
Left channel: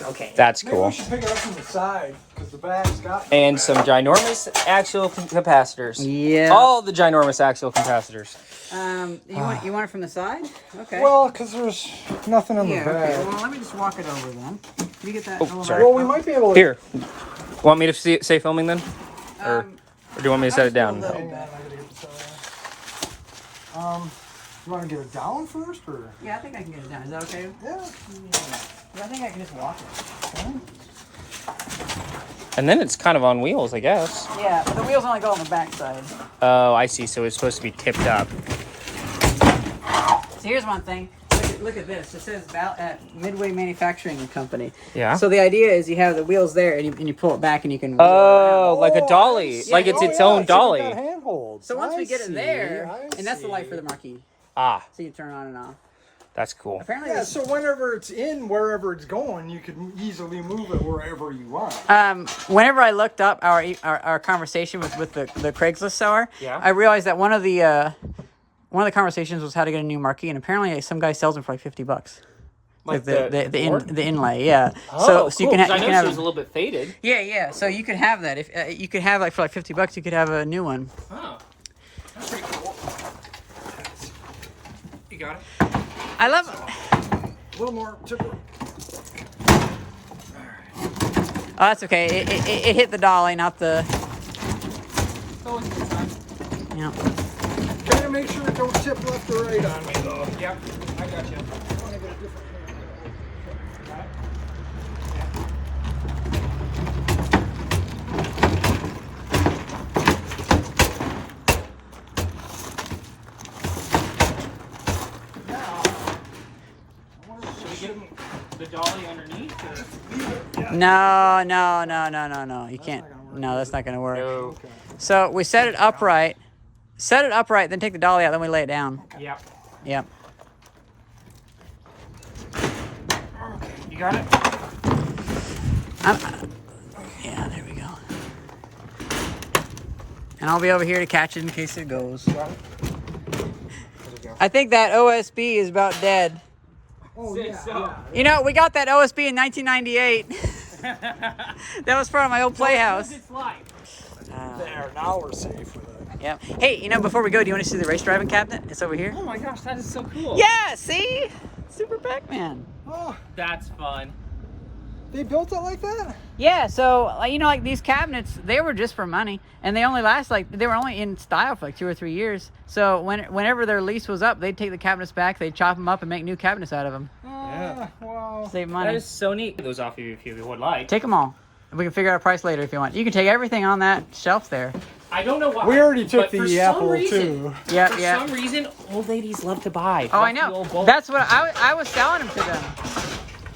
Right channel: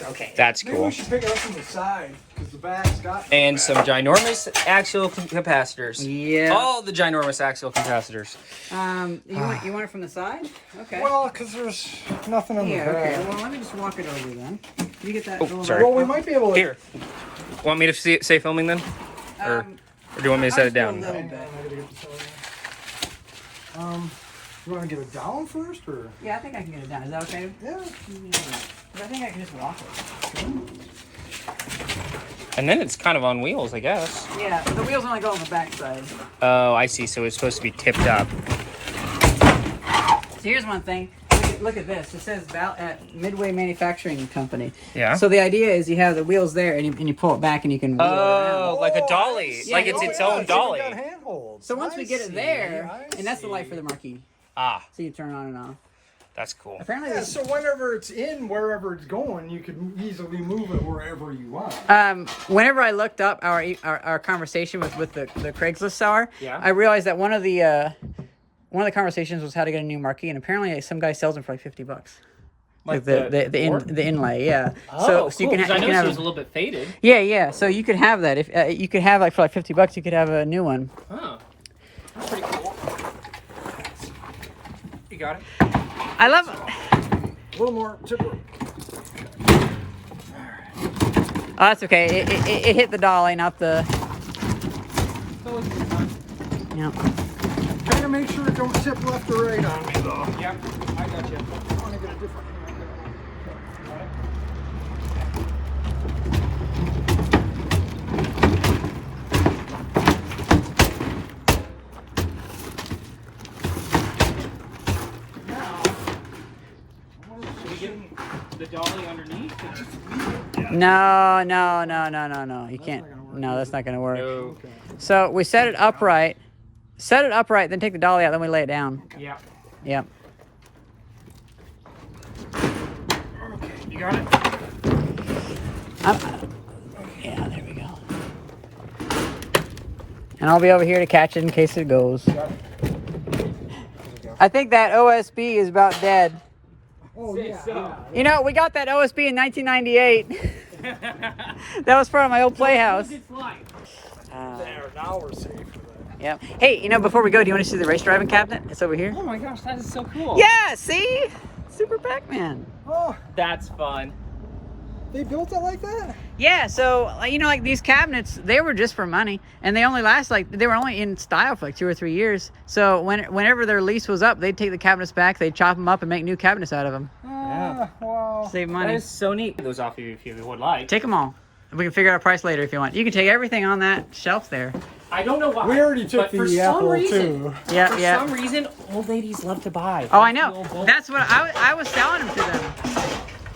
Okay. That's Maybe cool. we should pick it up from the side, because the back's got... And some ginormous axial capacitors. Yeah. All the ginormous axial capacitors. You want it from the side? Okay. Well, because there's nothing in the yeah. back. Okay. Well, let me just walk it over then. Can you get that? Oh, little sorry. Well, we might be able to... Here. Want me to say filming then? Or do you want me to set it down? A little bit. I gotta get the side. You want to get it down first, or? Yeah, I think I can get it down. Is that okay? Yeah. 'Cause I think I can just walk it. And then it's kind of on wheels, I guess. Yeah, the wheels only go on the back side. Oh, I see. So it's supposed to be tipped up. So here's one thing. Look at this. It says Midway Manufacturing Company. Yeah. So the idea is you have the wheels there, and you pull it back, and you can. Oh, like a dolly. I see. Like it's its own dolly. It's got handholds. So once I we get it see, there, I and that's the light see. for the marquee. Ah. So you turn on and off. That's cool. Apparently, Yeah, so whenever it's in wherever it's going, you can easily move it wherever you want. whenever I looked up our conversation with the Craigslist seller, Yeah. I realized that one of the conversations was how to get a new marquee, and apparently some guy sells them for like $50. Like the inlay, yeah. Oh, so you cool, can 'cause I know have she was a little bit faded. yeah. So you could have that if you could have like for like $50, you could have a new one. Oh, that's pretty cool. You got it. I love. A little more tipper. Oh, that's okay. It hit the dolly, not the. It's always a good time. Yeah. Try to make sure it don't tip left or right on me, though. Yep, I got you. I want to get a different hand. Got it? Should we get the dolly underneath? Or? No. You can't. No, that's not gonna work. No. So we set it upright. Set it upright, then take the dolly out, then we lay it down. Yep. Yep. You got it? Yeah, there we go. And I'll be over here to catch it in case it goes. I think that OSB is about dead. Oh, yeah. So. You know, we got that OSB in 1998. That was part of my old playhouse. It's life. There, now we're safe with it. Yep. Hey, you know, before we go, do you want to see the race driving cabinet? It's over here. Oh my gosh, that is so cool. Yeah, see? Super Pac-Man. Oh, That's fun. they built it like that? Yeah, so, you know, like these cabinets, they were just for money. And they only last, like, they were only in style for like 2 or 3 years. So whenever their lease was up, they'd take the cabinets back, they'd chop them up and make new cabinets out of them. Wow. Save That money. is so neat. Those off you if you would like. Take them all. We can figure out a price later if you want. You can take everything on that shelf there. I don't know why. We already took but for the some apple, reason, too. Yeah, For yeah. some reason, old ladies love to buy. Oh, I That's the know. old bulk. That's what I was selling them to them.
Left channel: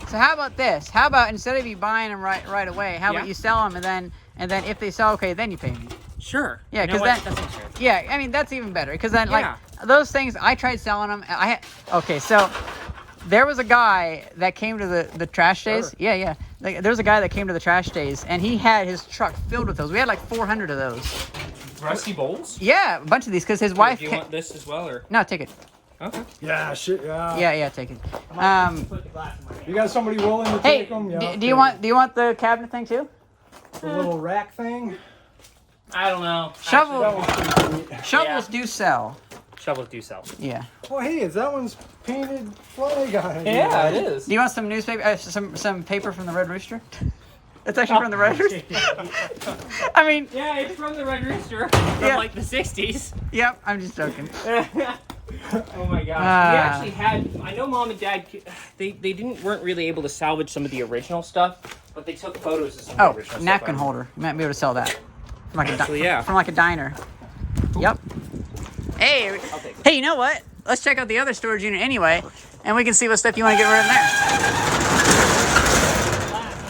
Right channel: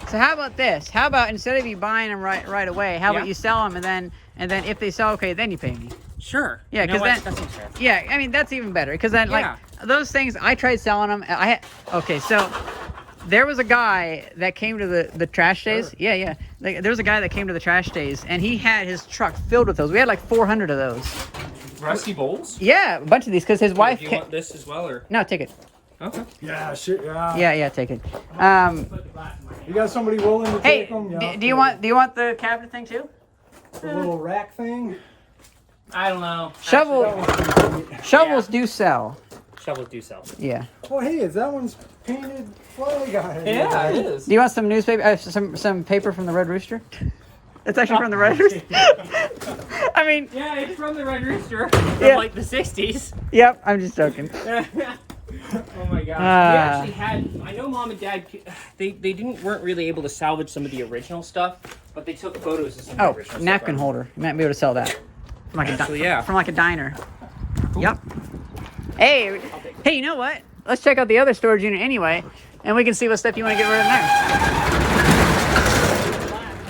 So how about this? How about instead of you buying them right away, how Yeah. about you sell them and then if they sell okay, then you pay me. Sure. Yeah, You know 'cause what? that- That seems fair. Yeah, I mean that's even better because then like Yeah. those things I tried selling them. Okay, so there was a guy that came to the trash days. Sure. Yeah. Like, there was a guy that came to the trash days and he had his truck filled with those. We had like 400 of those. Rusty bowls? Yeah, a bunch of these because his wife. Do you want this as well, or? No, take it. Okay. Yeah, shit, yeah. Yeah, take it. You got somebody willing to Hey, take them? Yeah, do you want the cabinet thing too? the little rack thing? I don't know. Shovels do sell. Shovels do sell. Yeah. Oh, hey, is that one's painted flag on it? Yeah, it is. Do you want some newspaper? Some paper from the Red Rooster? It's actually from the Red Rooster. I mean, Yeah, it's from the Red Rooster from Yeah. like the 60s. yep. I'm just joking. Oh my gosh. Ah. We actually had, I know Mom and Dad, they weren't really able to salvage some of the original stuff, but they took photos of some Oh, of the original napkin stuff. holder. You might be able to sell that from like Actually, yeah. from like a diner. Yep. Hey, you know what? Let's check out the other storage unit anyway, and we can see what stuff you want to get rid of in there.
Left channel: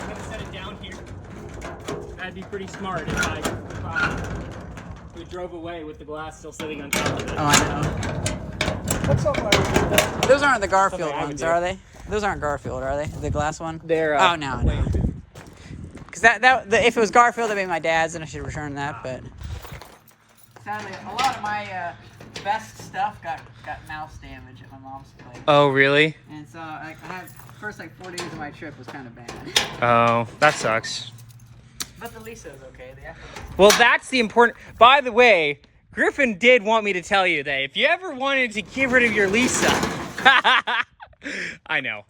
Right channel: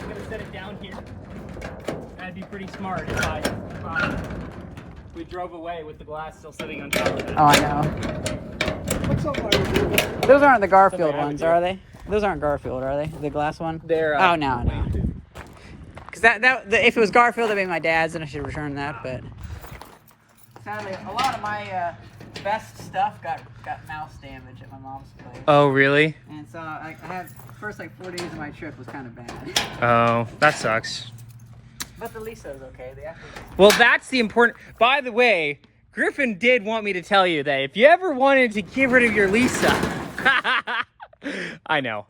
I'm gonna set it down here. That'd be pretty smart if we drove away with the glass still sitting on top of it. Oh, I know. What's up, my dude? Those aren't the Garfield Something I ones, could do. are they? Those aren't Garfield, are they? The glass one? They're, Oh, no. Because if it was Garfield, that'd be my dad's, and I should return that. But sadly, a lot of my best stuff got mouse damage at my mom's place, Oh, really? and so I had first like 4 days of my trip was kind of bad. Oh, that sucks. But the Lisa was okay. Well, that's the important. By the way, Griffin did want me to tell you that if you ever wanted to get rid of your Lisa, I know.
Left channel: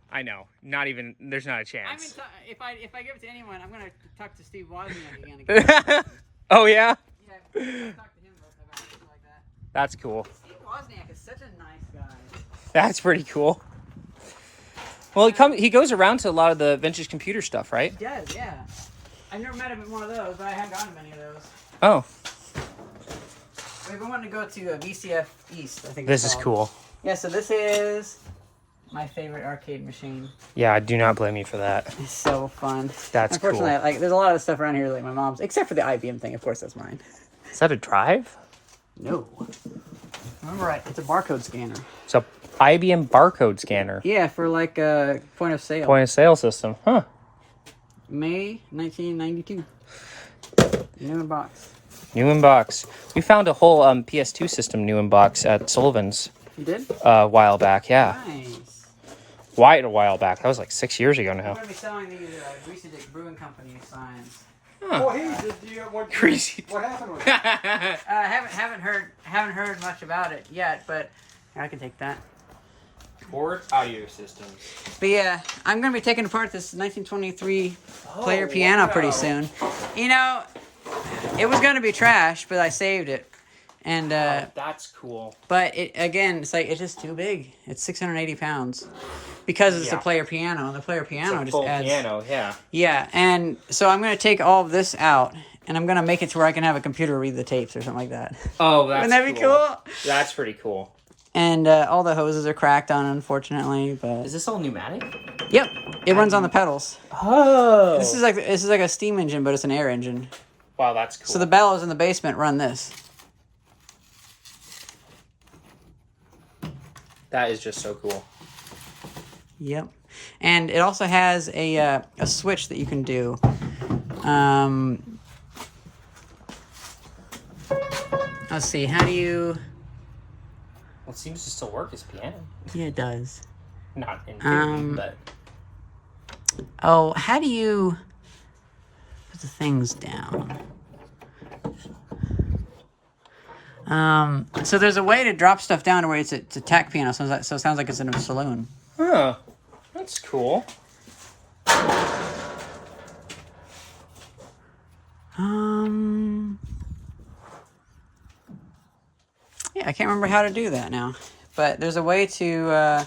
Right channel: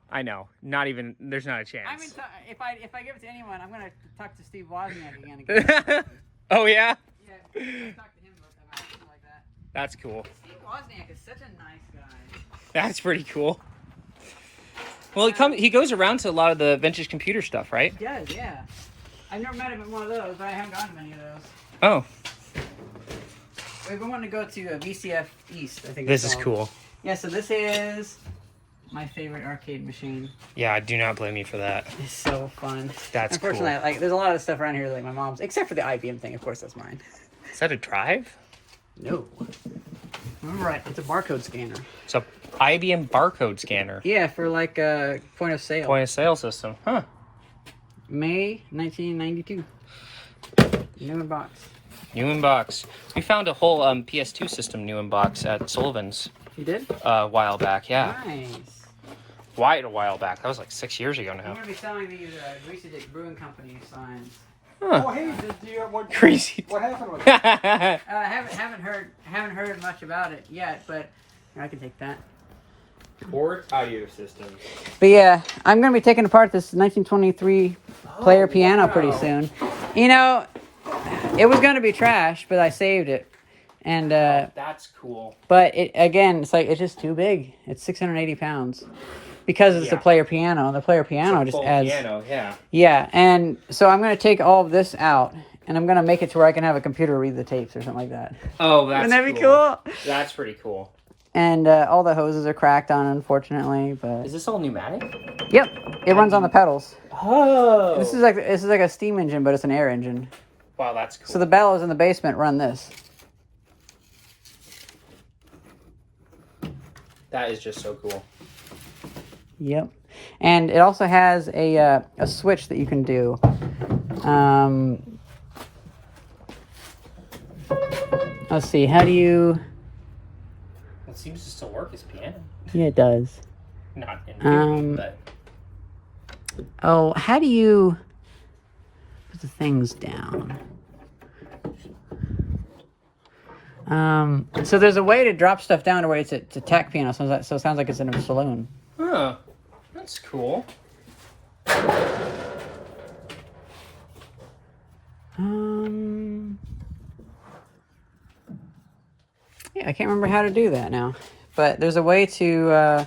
Not even. There's not a I mean, chance. if I give it to anyone, I'm gonna talk to Steve Wozniak again. Oh yeah, Yeah, I'll talk to him about something like that. that's cool. Steve Wozniak is such a nice guy. That's pretty cool. Well, he goes around to a lot of the vintage computer stuff, right? He does, yeah. I've never met him at one of those, but I haven't gotten many of those. Oh, We've been wanting to go to VCF East, I think. this it's is called. cool. Yeah, so this is my favorite arcade machine. Yeah, I do not blame you for that. It's so fun. That's Unfortunately, cool. like there's a lot of stuff around here like my mom's, except for the IBM thing. Of course, that's mine. Is that a drive? No. Remember right? It's a barcode scanner. So, IBM barcode scanner. Yeah, for like a point of sale. Point of sale system. Huh. May 1992. New in box. New in box. We found a whole PS2 system new in box at Sullivan's. You did? A while back, yeah. Nice. Why a while back? That was like 6 years ago I'm now. going to be selling these Recent Brewing Company signs. Huh. Oh, hey, what Crazy. What happened with it? Haven't heard much about it yet, but I can take that. Board audio systems. But yeah, I'm going to be taking apart this 1923 player piano pretty soon. You know, it was going to be trash, but I saved it. And That's cool. but it's just too big. It's 680 pounds. Because it's a player piano. The player piano just adds... piano, yeah. Yeah, and so I'm going to take all of this out, and I'm going to make it to where I can have a computer read the tapes or something like that. Oh, that's Wouldn't that be cool? That's pretty cool. And all the hoses are cracked on, unfortunately, but... Is this all pneumatic? Yep, it runs on the pedals. Oh. This is like a steam engine, but it's an air engine. Wow, that's cool. So the bellows in the basement run this. That is just so cool. Yep. And it also has a switch that you can do. Let's see, how do you... Well, it seems to still work as piano. Yeah, it does. Not in theory, but... Oh, how do you put the things down? So there's a way to drop stuff down to where it's a tack piano, so it sounds like it's in a saloon. Oh, that's cool. Yeah, I can't remember how to do that now, but there's a way to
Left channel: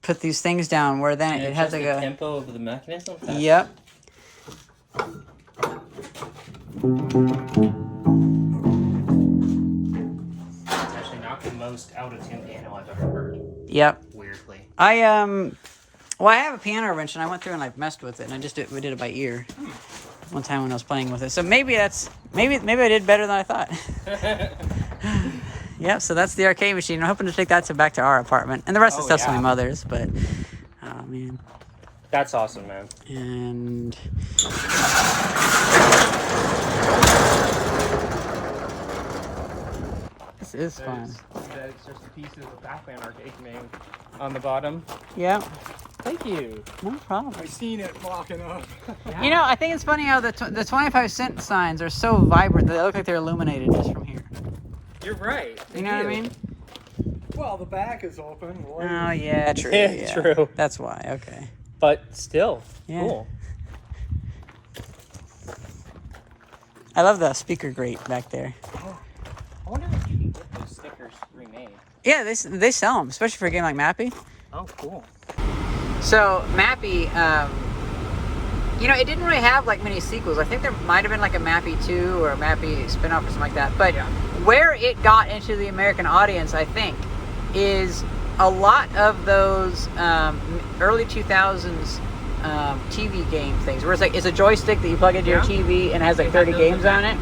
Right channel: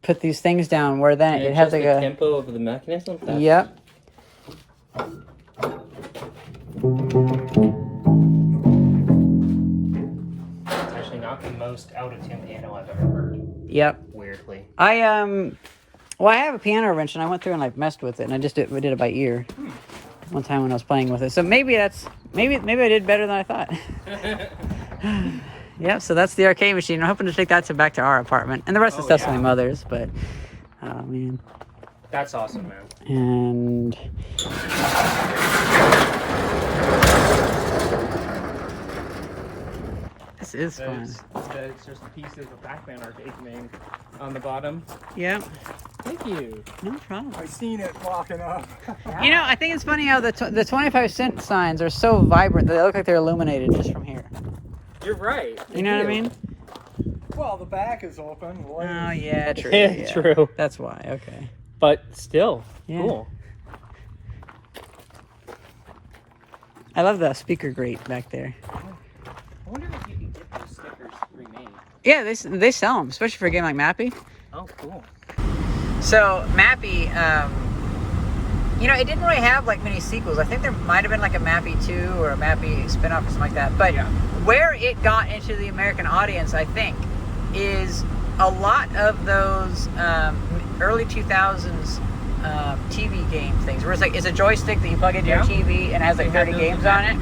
put these things down where then it has like the a tempo of the mechanism. Yep. It's actually not the most out of tune piano I've ever heard. Yep. Weirdly. I have a piano wrench and I went through and I messed with it and we did it by ear one time when I was playing with it. So maybe I did better than I thought. Yep, so that's the arcade machine. I'm hoping to take that back to our apartment. And the rest of the stuff's my mother's, but oh man. That's awesome, man. And this is fun. That's just a piece of the Pac-Man arcade name on the bottom. Yep. Thank you. No problem. I seen it blocking up. You know, I think it's funny how the 25-cent signs are so vibrant that they look like they're illuminated just from here. You're right. You know what I mean? Well, the back is open. Oh, yeah, true. Yeah, Yeah. true. That's why, okay. But still, Yeah. cool. I love the speaker grate back there. I wonder if you can get those stickers remade. Yeah, they sell them, especially for a game like Mappy. Oh, cool. So, Mappy, you know, it didn't really have like many sequels. I think there might have been like a Mappy 2 or a Mappy spin-off or something like that. But where it got into the American audience, I think, is a lot of those early 2000s TV game things, where it's a joystick that you plug into your TV and has like 30 games on it.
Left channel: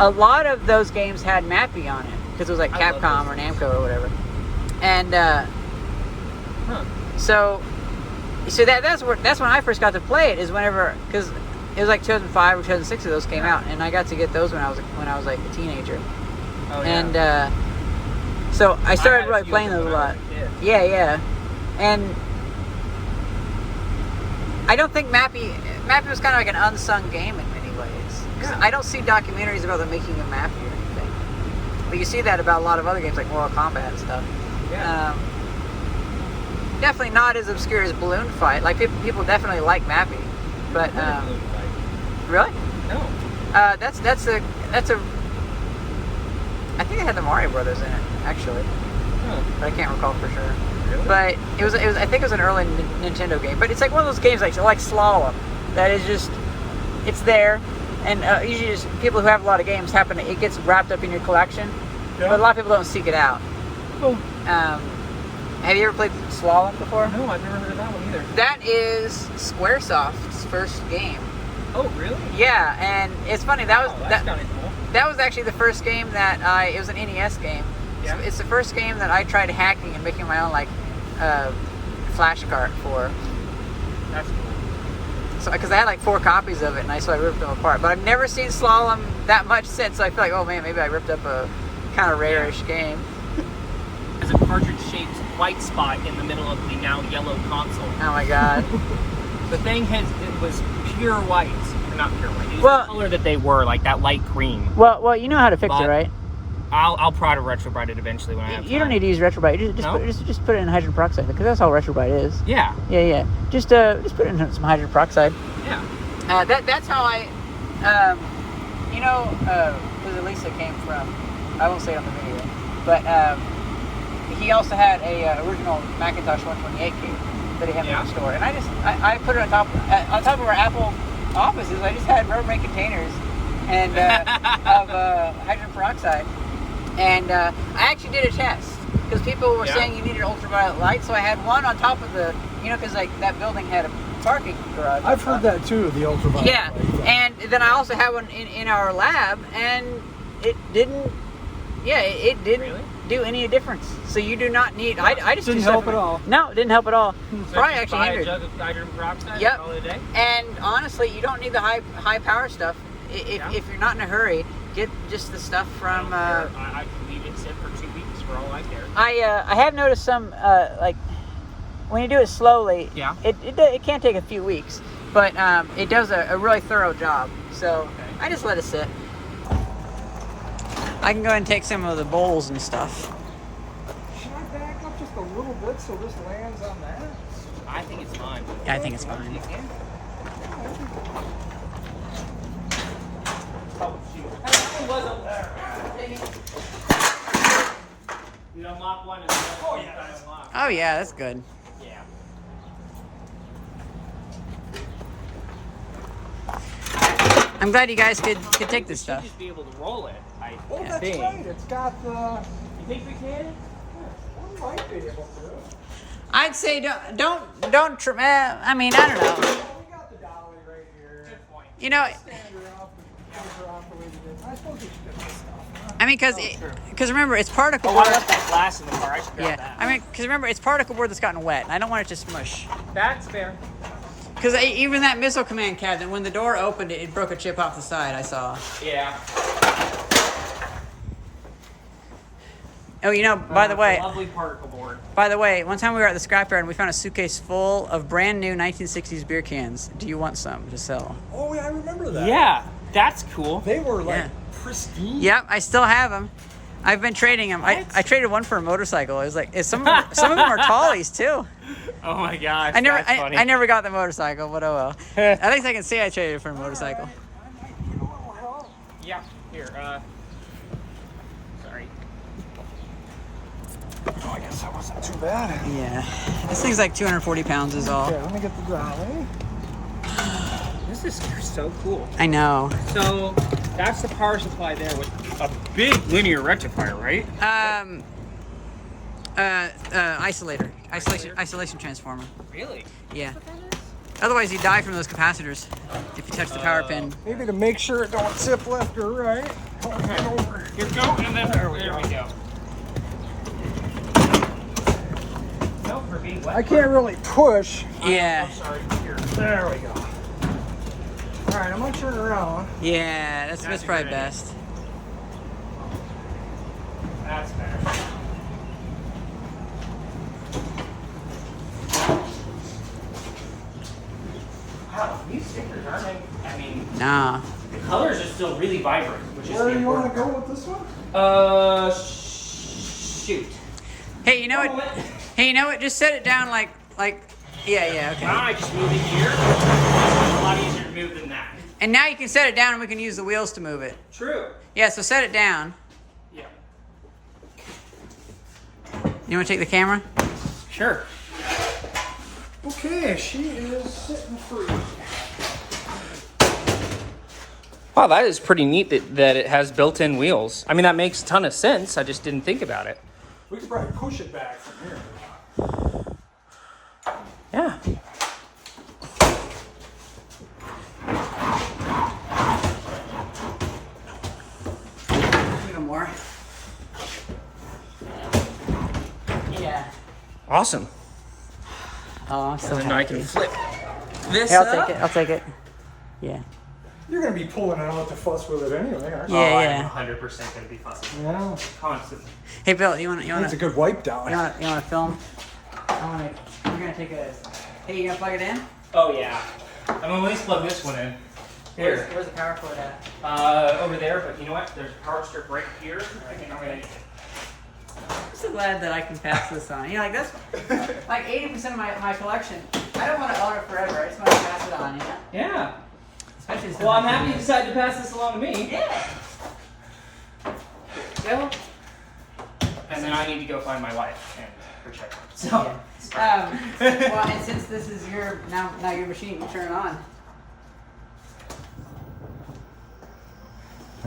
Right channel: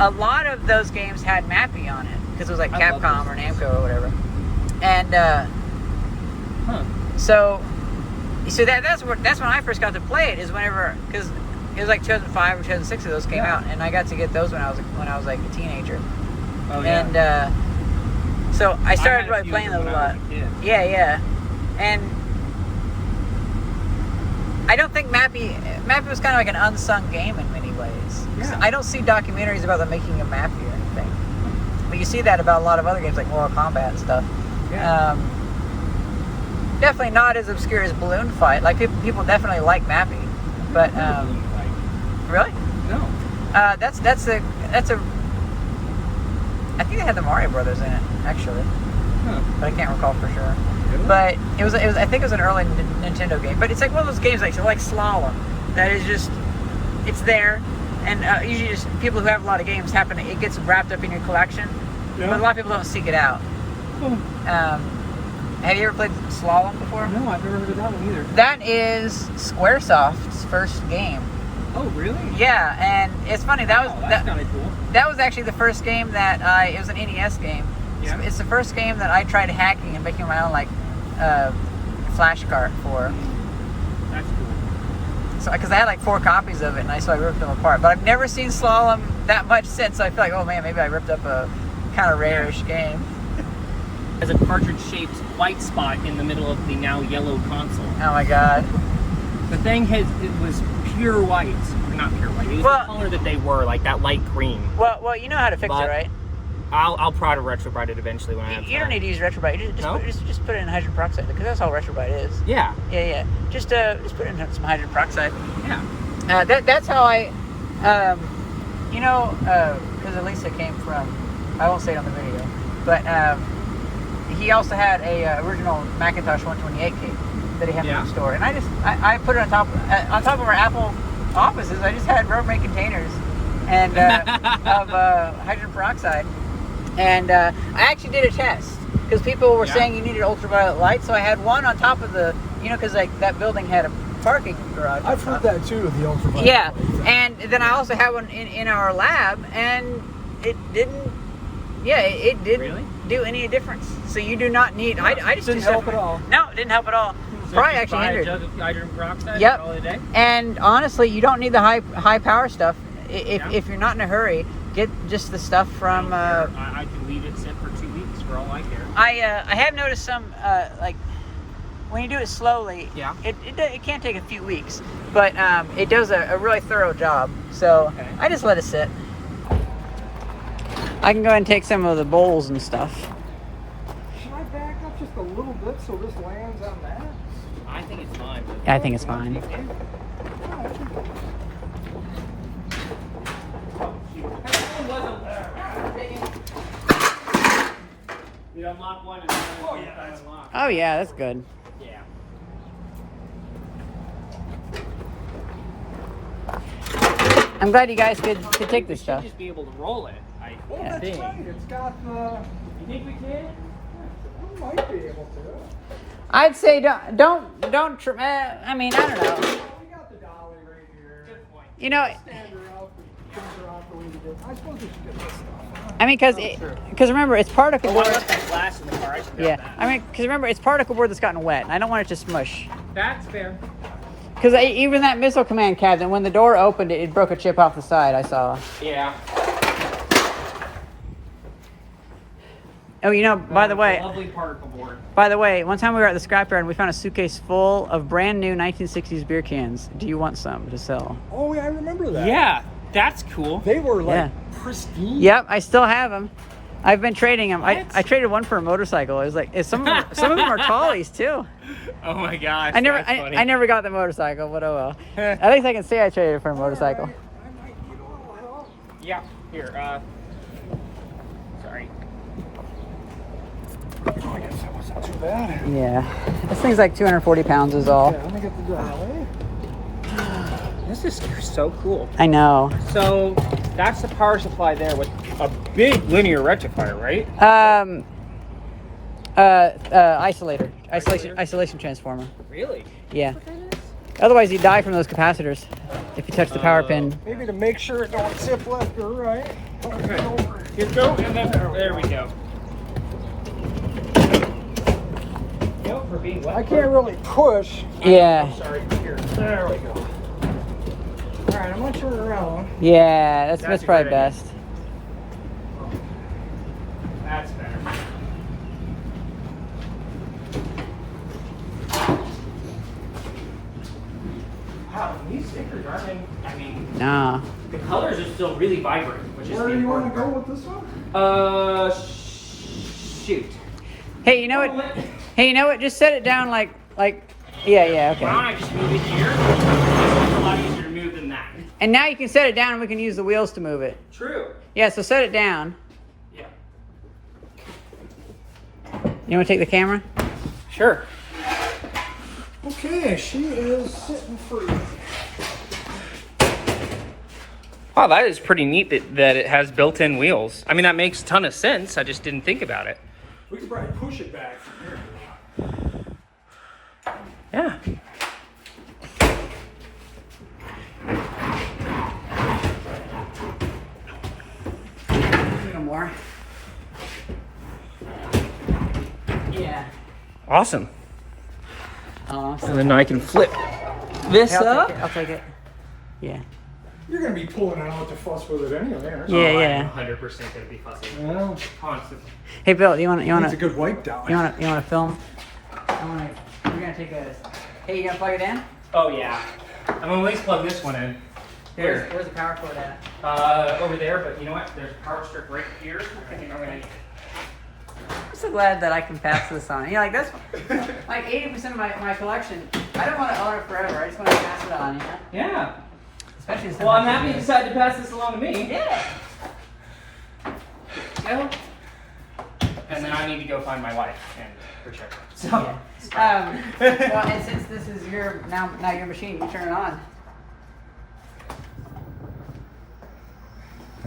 A lot of those games had Mappy on it because it was like Capcom or Namco or whatever. And so that's when I first got to play it, is whenever, because it was like 2005 or 2006 of those came out, and I got to get those when I was like a teenager. Oh, yeah. And so I started really playing those a lot. Yeah. And I don't think Mappy was kind of like an unsung game in many ways. Yeah. I don't see documentaries about the making of Mappy or anything, but you see that about a lot of other games like Mortal Kombat and stuff. Yeah. Definitely not as obscure as Balloon Fight. Like people definitely like Mappy, but really? No. That's a. I think they had the Mario Brothers in it actually, but I can't recall for sure. Really? But it was. I think it was an early Nintendo game. But it's like one of those games like Slalom, that is just, it's there, and usually just people who have a lot of games it gets wrapped up in your collection. Yeah. But a lot of people don't seek it out. Oh. Have you ever played Slalom before? No, I've never heard of that one either. That is Squaresoft's first game. Oh, really? Yeah, and it's funny, that's kind of cool. That was actually the first game that it was an NES game. Yeah. It's the first game that I tried hacking and making my own like flash cart for. That's cool. So because I had like 4 copies of it, and so I ripped them apart. But I've never seen Slalom that much since. So I feel like, oh man, maybe I ripped up a kind of rare-ish game. As a cartridge-shaped white spot in the middle of the now yellow console. Oh my god. The thing it was pure white. Not pure white. It was Well, the color that they were, like that light cream. Well, you know how to fix it, right? I'll try to Retrobrite it eventually when I have time. You don't need to use Retrobrite. Just put it in hydrogen peroxide, because that's all Retrobrite is. Yeah. Yeah. Just put it in some hydrogen peroxide. Yeah. That's how I, because Elisa came from, I won't say it on the video, but he also had a original Macintosh 128K that he had in the store, and I put it on top of our Apple offices. I just had Retrobrite containers and of hydrogen peroxide, and I actually did a test because people were saying you needed ultraviolet light, so I had one on top of the, because like that building had a parking garage. I've heard that too, the ultraviolet. Yeah, and then I also had one in our lab, and it didn't. Yeah, it didn't do any difference. So you do not need. I just didn't help at all. No, it didn't help at all. Probably actually hindered. A jug of hydrogen peroxide Yep. all day. And honestly, you don't need the high power stuff. If you're not in a hurry, get just the stuff from. I can leave it sit for 2 weeks for all I care. I have noticed some like when you do it slowly. Yeah. It can take a few weeks, but it does a really thorough job. So I just let it sit. I can go ahead and take some of the bowls and stuff. Should I back up just a little bit so this lands on that? I think it's fine. Yeah, I think it's fine. You can. We unlock one and then unlock. Oh yeah, that's good. Yeah. I'm glad you guys could take this We stuff. should just be able to roll it. I Yeah. think. Right, it's got the. You think we can? I might be able to. I'd say I mean, I don't know. We got the dolly right here. Good point. You know, Stand her up and turn her off the way we did. I suppose we should get this stuff. Huh? I mean, because remember, it's particle board. Glass in the car. I should grab Yeah, that. I mean, because remember, it's particle board that's gotten wet, and I don't want it to smush. That's fair. Because even that missile command cabinet, when the door opened, it broke a chip off the side. I saw. Yeah. Oh, by the way, Lovely particle board. one time we were at the scrapyard and we found a suitcase full of brand new 1960s beer cans. Do you want some to sell? Oh, yeah, I remember that. Yeah, that's cool. They were like Yeah. pristine. Yep, I still have them. I've been trading them. I What? traded one for a motorcycle. It was like some of them are tallies too. Oh my gosh. I never that's funny. I never got the motorcycle, but oh well. At least I can say I traded for a motorcycle. Yeah. Here. Sorry. Oh, I guess that wasn't too bad. Yeah, this thing's like 240 pounds is all. Okay, let me get the dolly. This is so cool. I know. So that's the power supply there with a big linear rectifier, right? Isolation transformer. Really? Yeah. Otherwise, you die from those capacitors if you touch the power pin. Maybe to make sure it don't zip left or right. Okay. Here go, and then there we go. No, for being wet. I can't really push. Yeah. I'm sorry. Here. There we go. All right, I'm gonna turn it around. Yeah, that's That's a probably good idea. best. That's better. Wow, these stickers aren't. I mean, Nah. the colors are still really vibrant, which is Where the do you want important to go with this one? part. Shoot. Hey, you know what? Hey, you know what? Just set it down like. Yeah, Why okay. don't I just move it here? It's a lot easier to move than that. And now you can set it down, and we can use the wheels to move it. True. Yeah, so set it down. Yeah. You want to take the camera? Sure. Okay, she is sitting free. Wow, that is pretty neat that it has built-in wheels. I mean, that makes a ton of sense. I just didn't think about it. We could probably push it back from here. Yeah. A little more. Yeah. Awesome. Awesome. And then I can flip this up. I'll take it. Yeah. You're gonna be pulling out to fuss with it anyway, aren't you? Yeah, I'm 100% gonna be fussing. Well, Constantly. Hey, Bill, you want it's a to good wipe down. you want to film? We're gonna take a. Hey, you gonna plug it in? Oh yeah. I'm gonna at least plug this one in. Here. Where's the power cord at? Over there, but you know what? There's a power strip right here. I think I'm gonna. I'm so glad that I can pass this on. You know, like that's like 80% of my collection. I don't want to own it forever. I just want to pass it on. Yeah. Yeah. Especially Well, I'm happy you decided to pass this along to me. Yeah. Go. And then I need to go find my wife and her check. So. Yeah. Well, and since this is your now your machine, you turn it on.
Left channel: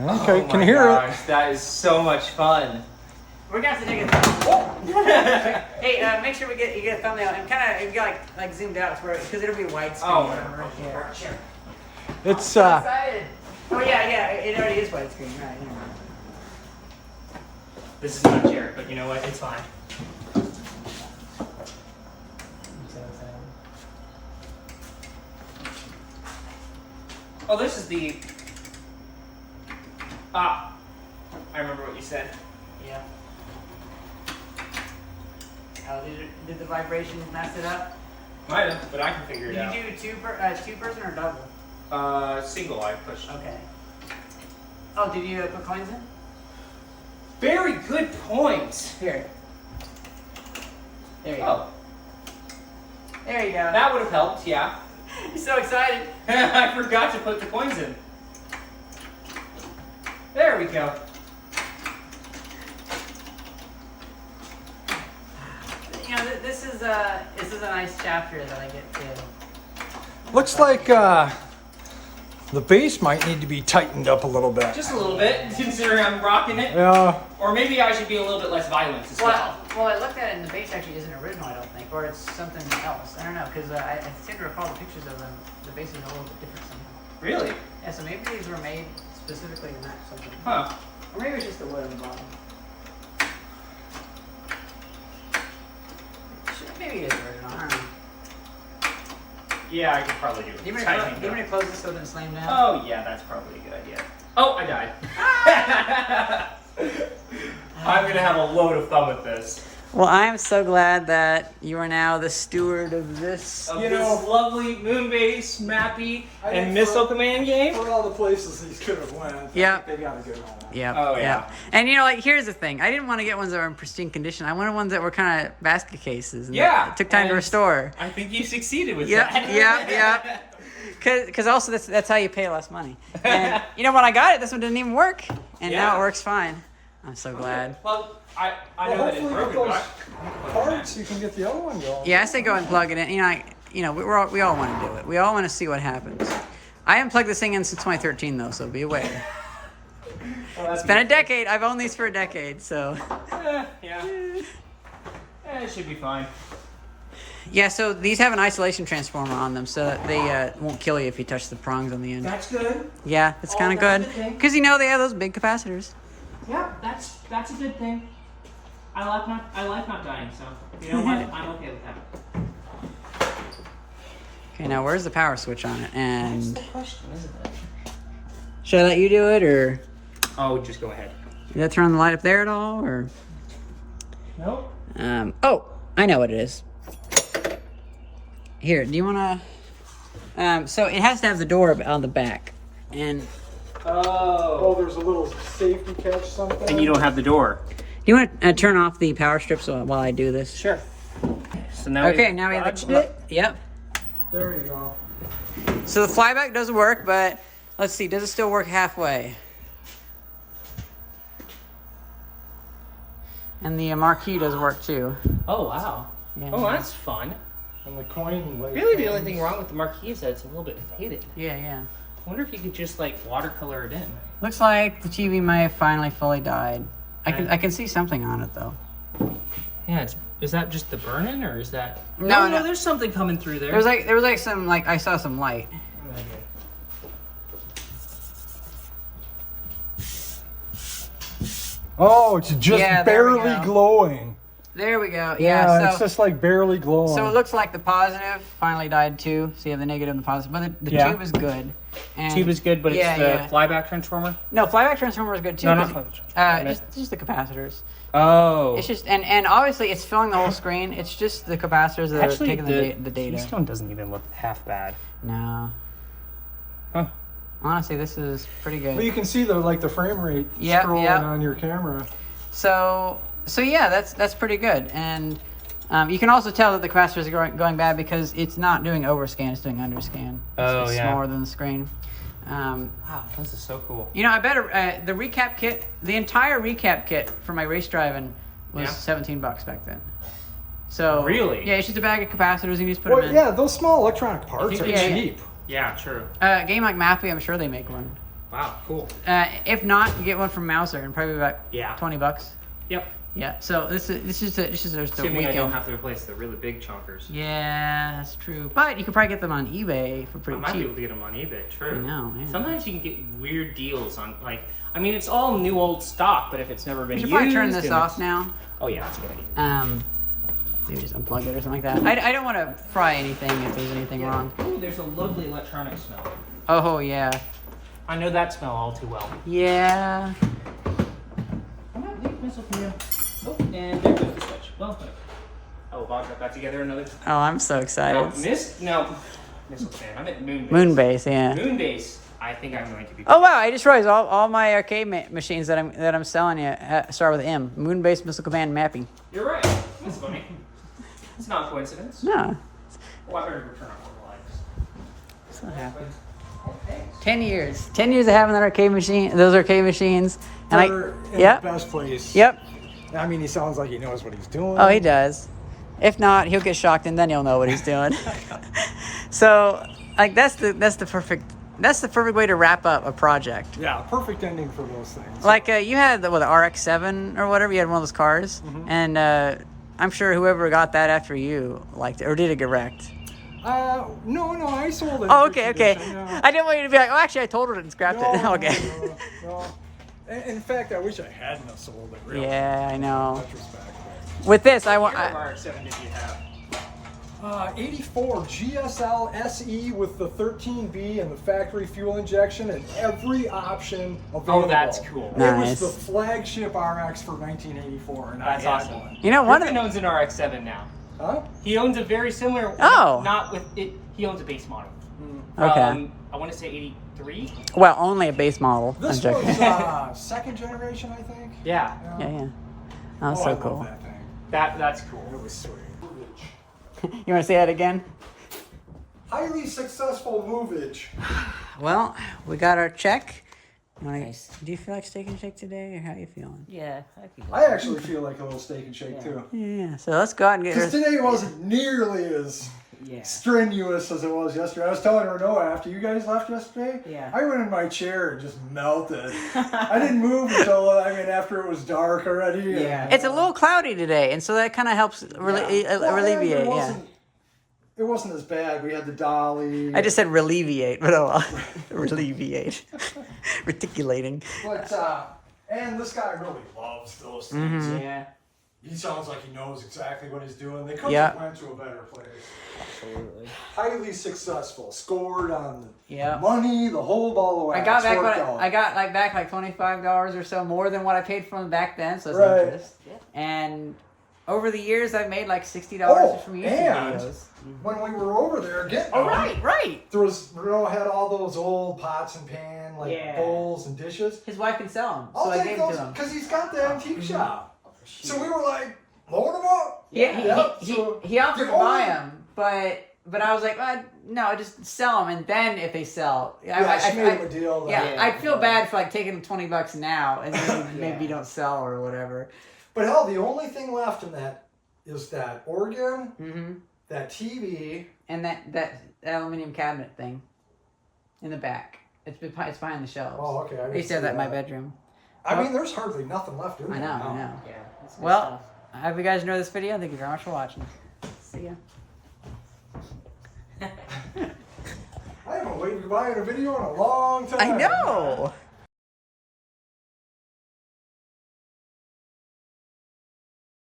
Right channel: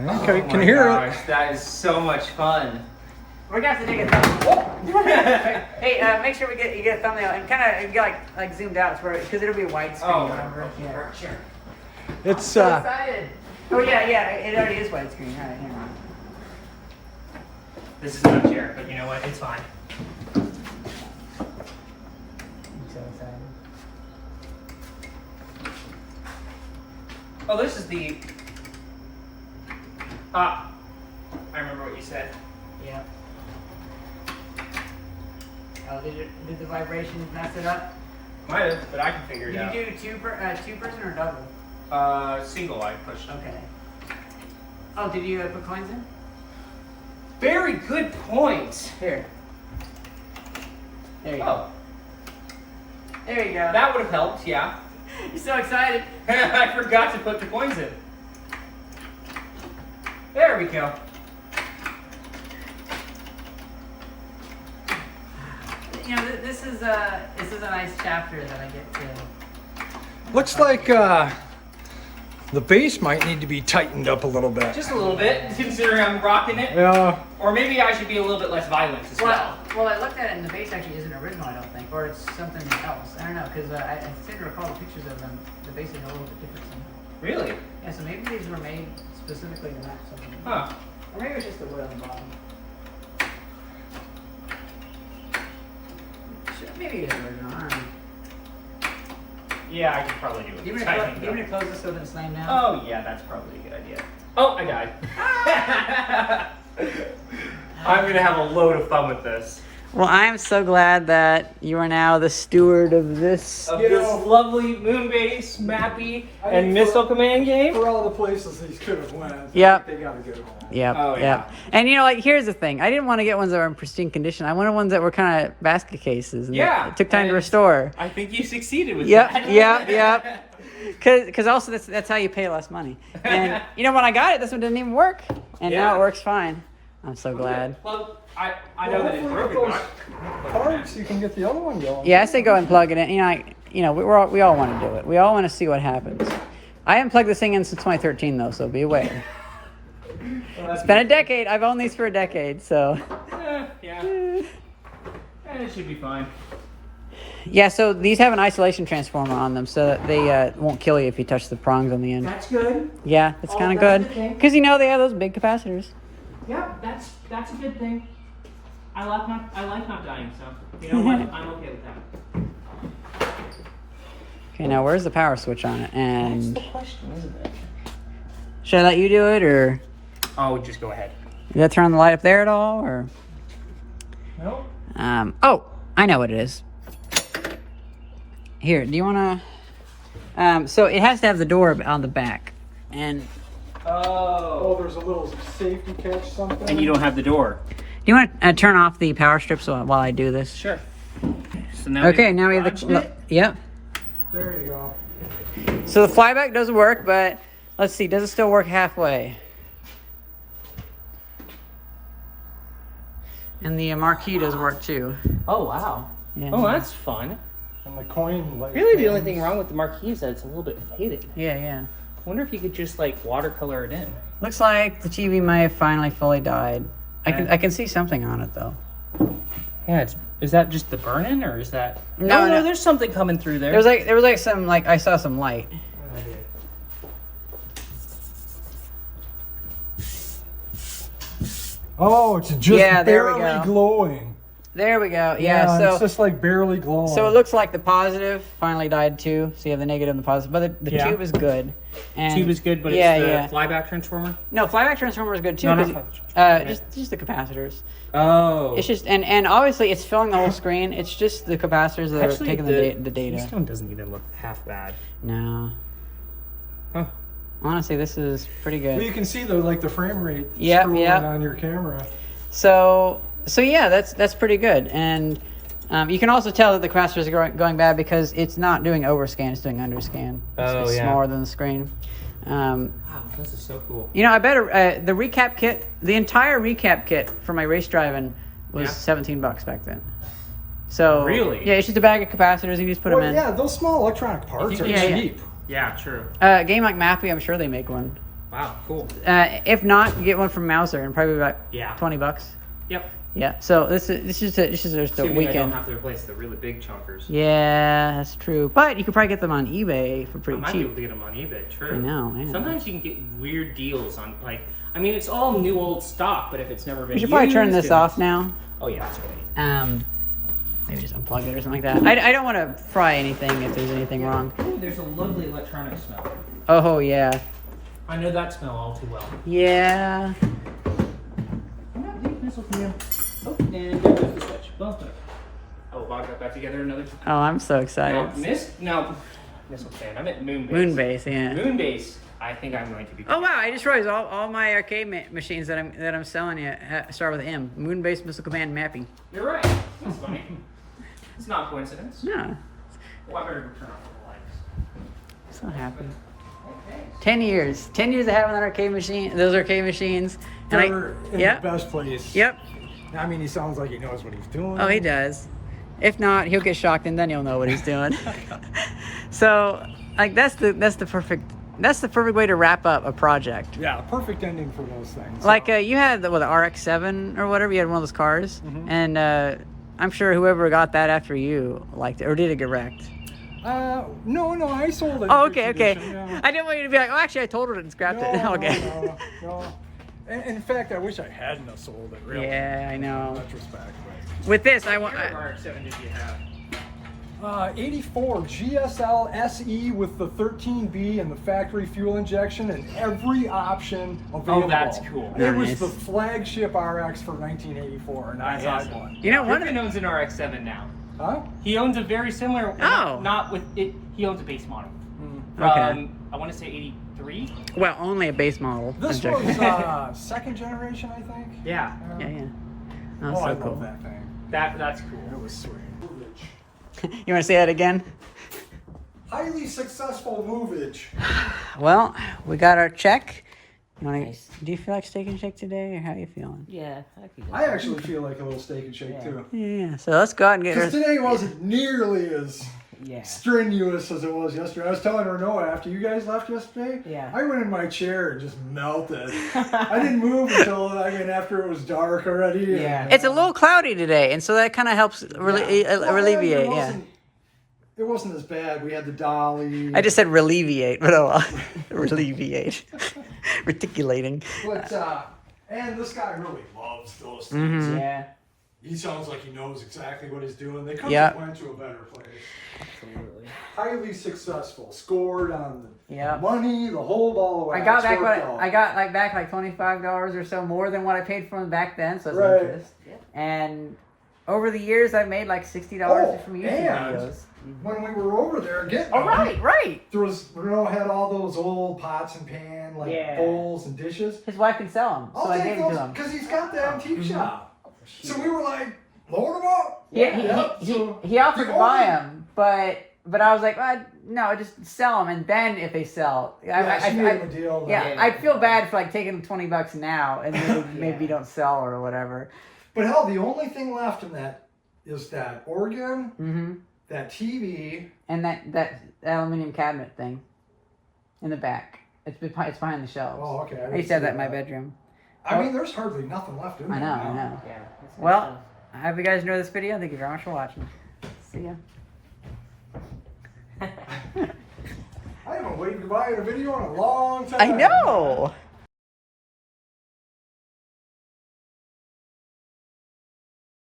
Okay, Oh can my you hear gosh, that is so much fun. We're gonna have to take it. Hey, make sure you get a thumbnail and kind of get like zoomed out to where because it'll be widescreen. Oh, remember? Yeah. it? It's So excited. Oh yeah, it already is widescreen. All right, never mind. This is my chair, but you know what? It's fine. I'm so excited. Oh, this is the. I remember what you said. Yeah. Oh, did the vibration mess it up? Might have, but I can figure it Did out. you do two person or double? Single I pushed. Okay. Oh, did you put coins in? Very good point. Here. There you go. Oh, There you go. that would have helped, yeah. You're so excited. I forgot to put the coins in. There we go. You know, this is a nice chapter that I get to. looks like the base might need to be tightened up a little bit. Just a little bit, considering I'm rocking it. Yeah. Or maybe I should be a little bit less violent as well. Well, I looked at it and the base actually isn't original, I don't think, or it's something else. I don't know, because I seem to recall the pictures of them. The base is a little bit different somehow. Really? Yeah, so maybe these were made specifically to match something. Huh. Or maybe it's just the wood on the bottom. Maybe it is original. I don't know. Yeah, I could probably do it. Do you want Tightening me to close this so it doesn't slam down? Oh, yeah, that's probably a good idea. Oh, I died. I'm going to have a load of fun with this. Well, I am so glad that you are now the steward of this. Of this lovely moon-based, Mappy, and missile command game. For all the places these could have went, Yep. they got a good one. Yep. Oh, yeah. Yep. And you know, like here's the thing. I didn't want to get ones that were in pristine condition. I wanted ones that were kind of basket cases. And Yeah, it took time to and- restore. I think you succeeded with Yep. that. Yep. Because also that's how you pay less money. And you know when I got it, this one didn't even work, and now Yeah. it works fine. I'm so glad. Well, I know that it's hopefully with broken, those but parts, you can get the other one going. Yeah, I say go and plug it in. We all want to do it. We all want to see what happens. I haven't plugged this thing in since 2013 though, so be aware. Well, It's been a decade. I've owned these for a decade, so. yeah. It should be fine. Yeah, so these have an isolation transformer on them, so that they won't kill you if you touch the prongs on the end. That's good. Yeah, it's kind of that's good. the thing. Because they have those big capacitors. Yeah, that's a good thing. I like not dying, so you know what? I'm okay with that. Okay, now where's the power switch on it? And That's the question, isn't it? should I let you do it, or Oh, just go ahead. did that turn the light up there at all, or? No. Oh, I know what it is. Here, do you want to? So it has to have the door on the back, and Oh. there's a little safety catch something. And you don't have the door. do you want to turn off the power strips while I do this? Sure. So now Okay, now we have dodged the. it. Yep. There we go. So the flyback doesn't work, but let's see, does it still work halfway? And the marquee does work too. Oh wow. Yeah. Oh, that's fun. And the coin light. Really, the only thing wrong with the marquee is that it's a little bit faded. Yeah. I wonder if you could just like watercolor it in. Looks like the TV may have finally fully died. I can see something on it though. Yeah, is that just the burn-in or is that? No. There's something coming through there. There was like some I saw some light. Oh, it's just Yeah, there we barely go. glowing. There we go. Yeah, so it's just like barely glowing. So it looks like the positive finally died too. So you have the negative and the positive, but the tube is good. And Tube is good, but it's the flyback transformer. No, flyback transformer is good too. No, not just the capacitors. Oh. It's just and obviously it's filling the whole screen. It's just the capacitors that are taking the data. Keystone doesn't even look half bad. No. Huh. Honestly, this is pretty good. But you can see the frame rate scrolling on your camera. So yeah, that's pretty good. And you can also tell that the capacitors are going bad because it's not doing overscan; it's doing underscan. It's smaller than the screen. Wow, this is so cool. You know, I bet the recap kit, the entire recap kit for my race driving was $17 back then. So really, yeah, it's just a bag of capacitors and you just put them in. Yeah, those small electronic parts are cheap. Yeah, true. A game like Mappy, I'm sure they make one. Wow, cool. If not, you get one from Mouser and probably about $20. Yep. Yeah. So this is just a weekend. I don't have to replace the really big chunkers. Yeah, that's true. But you could probably get them on eBay for pretty cheap. I might be able to get them on eBay. True. I know. Yeah. Sometimes you can get weird deals on it's all new old stock, but if it's never been We should used, probably turn this off now. Oh yeah, that's good. Maybe just unplug it or something like that. I don't want to fry anything if there's anything wrong. Ooh, there's a lovely electronic smell. Oh yeah. I know that smell all too well. Yeah. I'm not leaving missile from you. Oh, and there goes the switch. Well, whatever. Oh, Bob got that together another. Oh, I'm so excited. Missile fan. I meant Moonbase. Moonbase, yeah. Moonbase. I think I'm going to be. Oh wow! I just realized all my arcade machines that I'm selling you start with M. Moonbase Missile Command Mappy. You're right. That's funny. It's not a coincidence. No. Well, I better go turn off the lights. So happy. 10 years. 10 years of having those arcade machines. And They're in the best place. Yep. I mean, he sounds like he knows what he's doing. Oh, he does. If not, he'll get shocked and then he'll know what he's doing. So, like that's the perfect way to wrap up a project. Yeah, perfect ending for those things. Like you had the RX-7 or whatever. You had one of those cars, and I'm sure whoever got that after you liked it, or did it get wrecked? No, I sold it. Oh, okay. Yeah. I didn't want you to be like, oh, actually, I totaled it and scrapped it. Okay. No. In fact, I wish I hadn't have sold it. Really. Yeah, I know. In retrospect. With this, I want. What RX-7 did you have? 84 GSL SE with the 13B and the factory fuel injection and every option available. Oh, that's cool. Nice. It was the flagship RX for 1984, and I had one. You know, Griffin owns an RX-7 now. Huh? He owns a very similar. Oh. Not with it. He owns a base model. Okay. I want to say 83. Well, only a base model. This was second generation, I think. Yeah. Yeah. Oh, I so love cool. that thing. That's cool. It was sweet. You want to say that again? Highly successful movage. Well, we got our check. Do you feel like steak and shake today, or how you feeling? Yeah, I actually feel like a little steak and shake too. Yeah. So let's go out and get Because her. today wasn't nearly as strenuous as it was yesterday. I was telling Renault after you guys left yesterday. Yeah. I went in my chair and just melted. I didn't move until after it was dark already. Yeah. It's a little cloudy today, and so that kind of helps alleviate. It wasn't as bad. We had the dolly. I just said relievate, but relievate, reticulating. But and this guy really loves those things. Mm-hmm. Yeah. He sounds like he knows exactly what he's doing. They couldn't Yeah. have went to a better place. Absolutely. Highly successful. Scored on the Yeah. money, the whole ball of wax. I got back Worked out. I got back like $25 or so more than what I paid for them back then, so that's Right. interest. And over the years, I've made like $60 just from YouTube and videos. when we were over there getting Oh, right. there was Renault had all those old pots and pan bowls and dishes. His wife can sell them, so I'll I take gave them those to him. because he's got the antique shop. So we were like, load them up. Yeah, he offered to the buy only- them, but I was like, no, just sell them, and then if they sell, She gave him a deal. I'd feel bad for like taking $20 now and then maybe don't sell or whatever. But hell, the only thing left in that is that organ, Mm-hmm. that TV, And that aluminum cabinet thing in the back. It's behind the shelves. Oh, okay. I used to have that in my bedroom. I mean, there's hardly nothing left in I there. know, now. I know. Yeah. That's good Well, stuff. I hope you guys enjoyed this video. Thank you very much for watching. See ya. I haven't waved goodbye in a video in a long time. I know.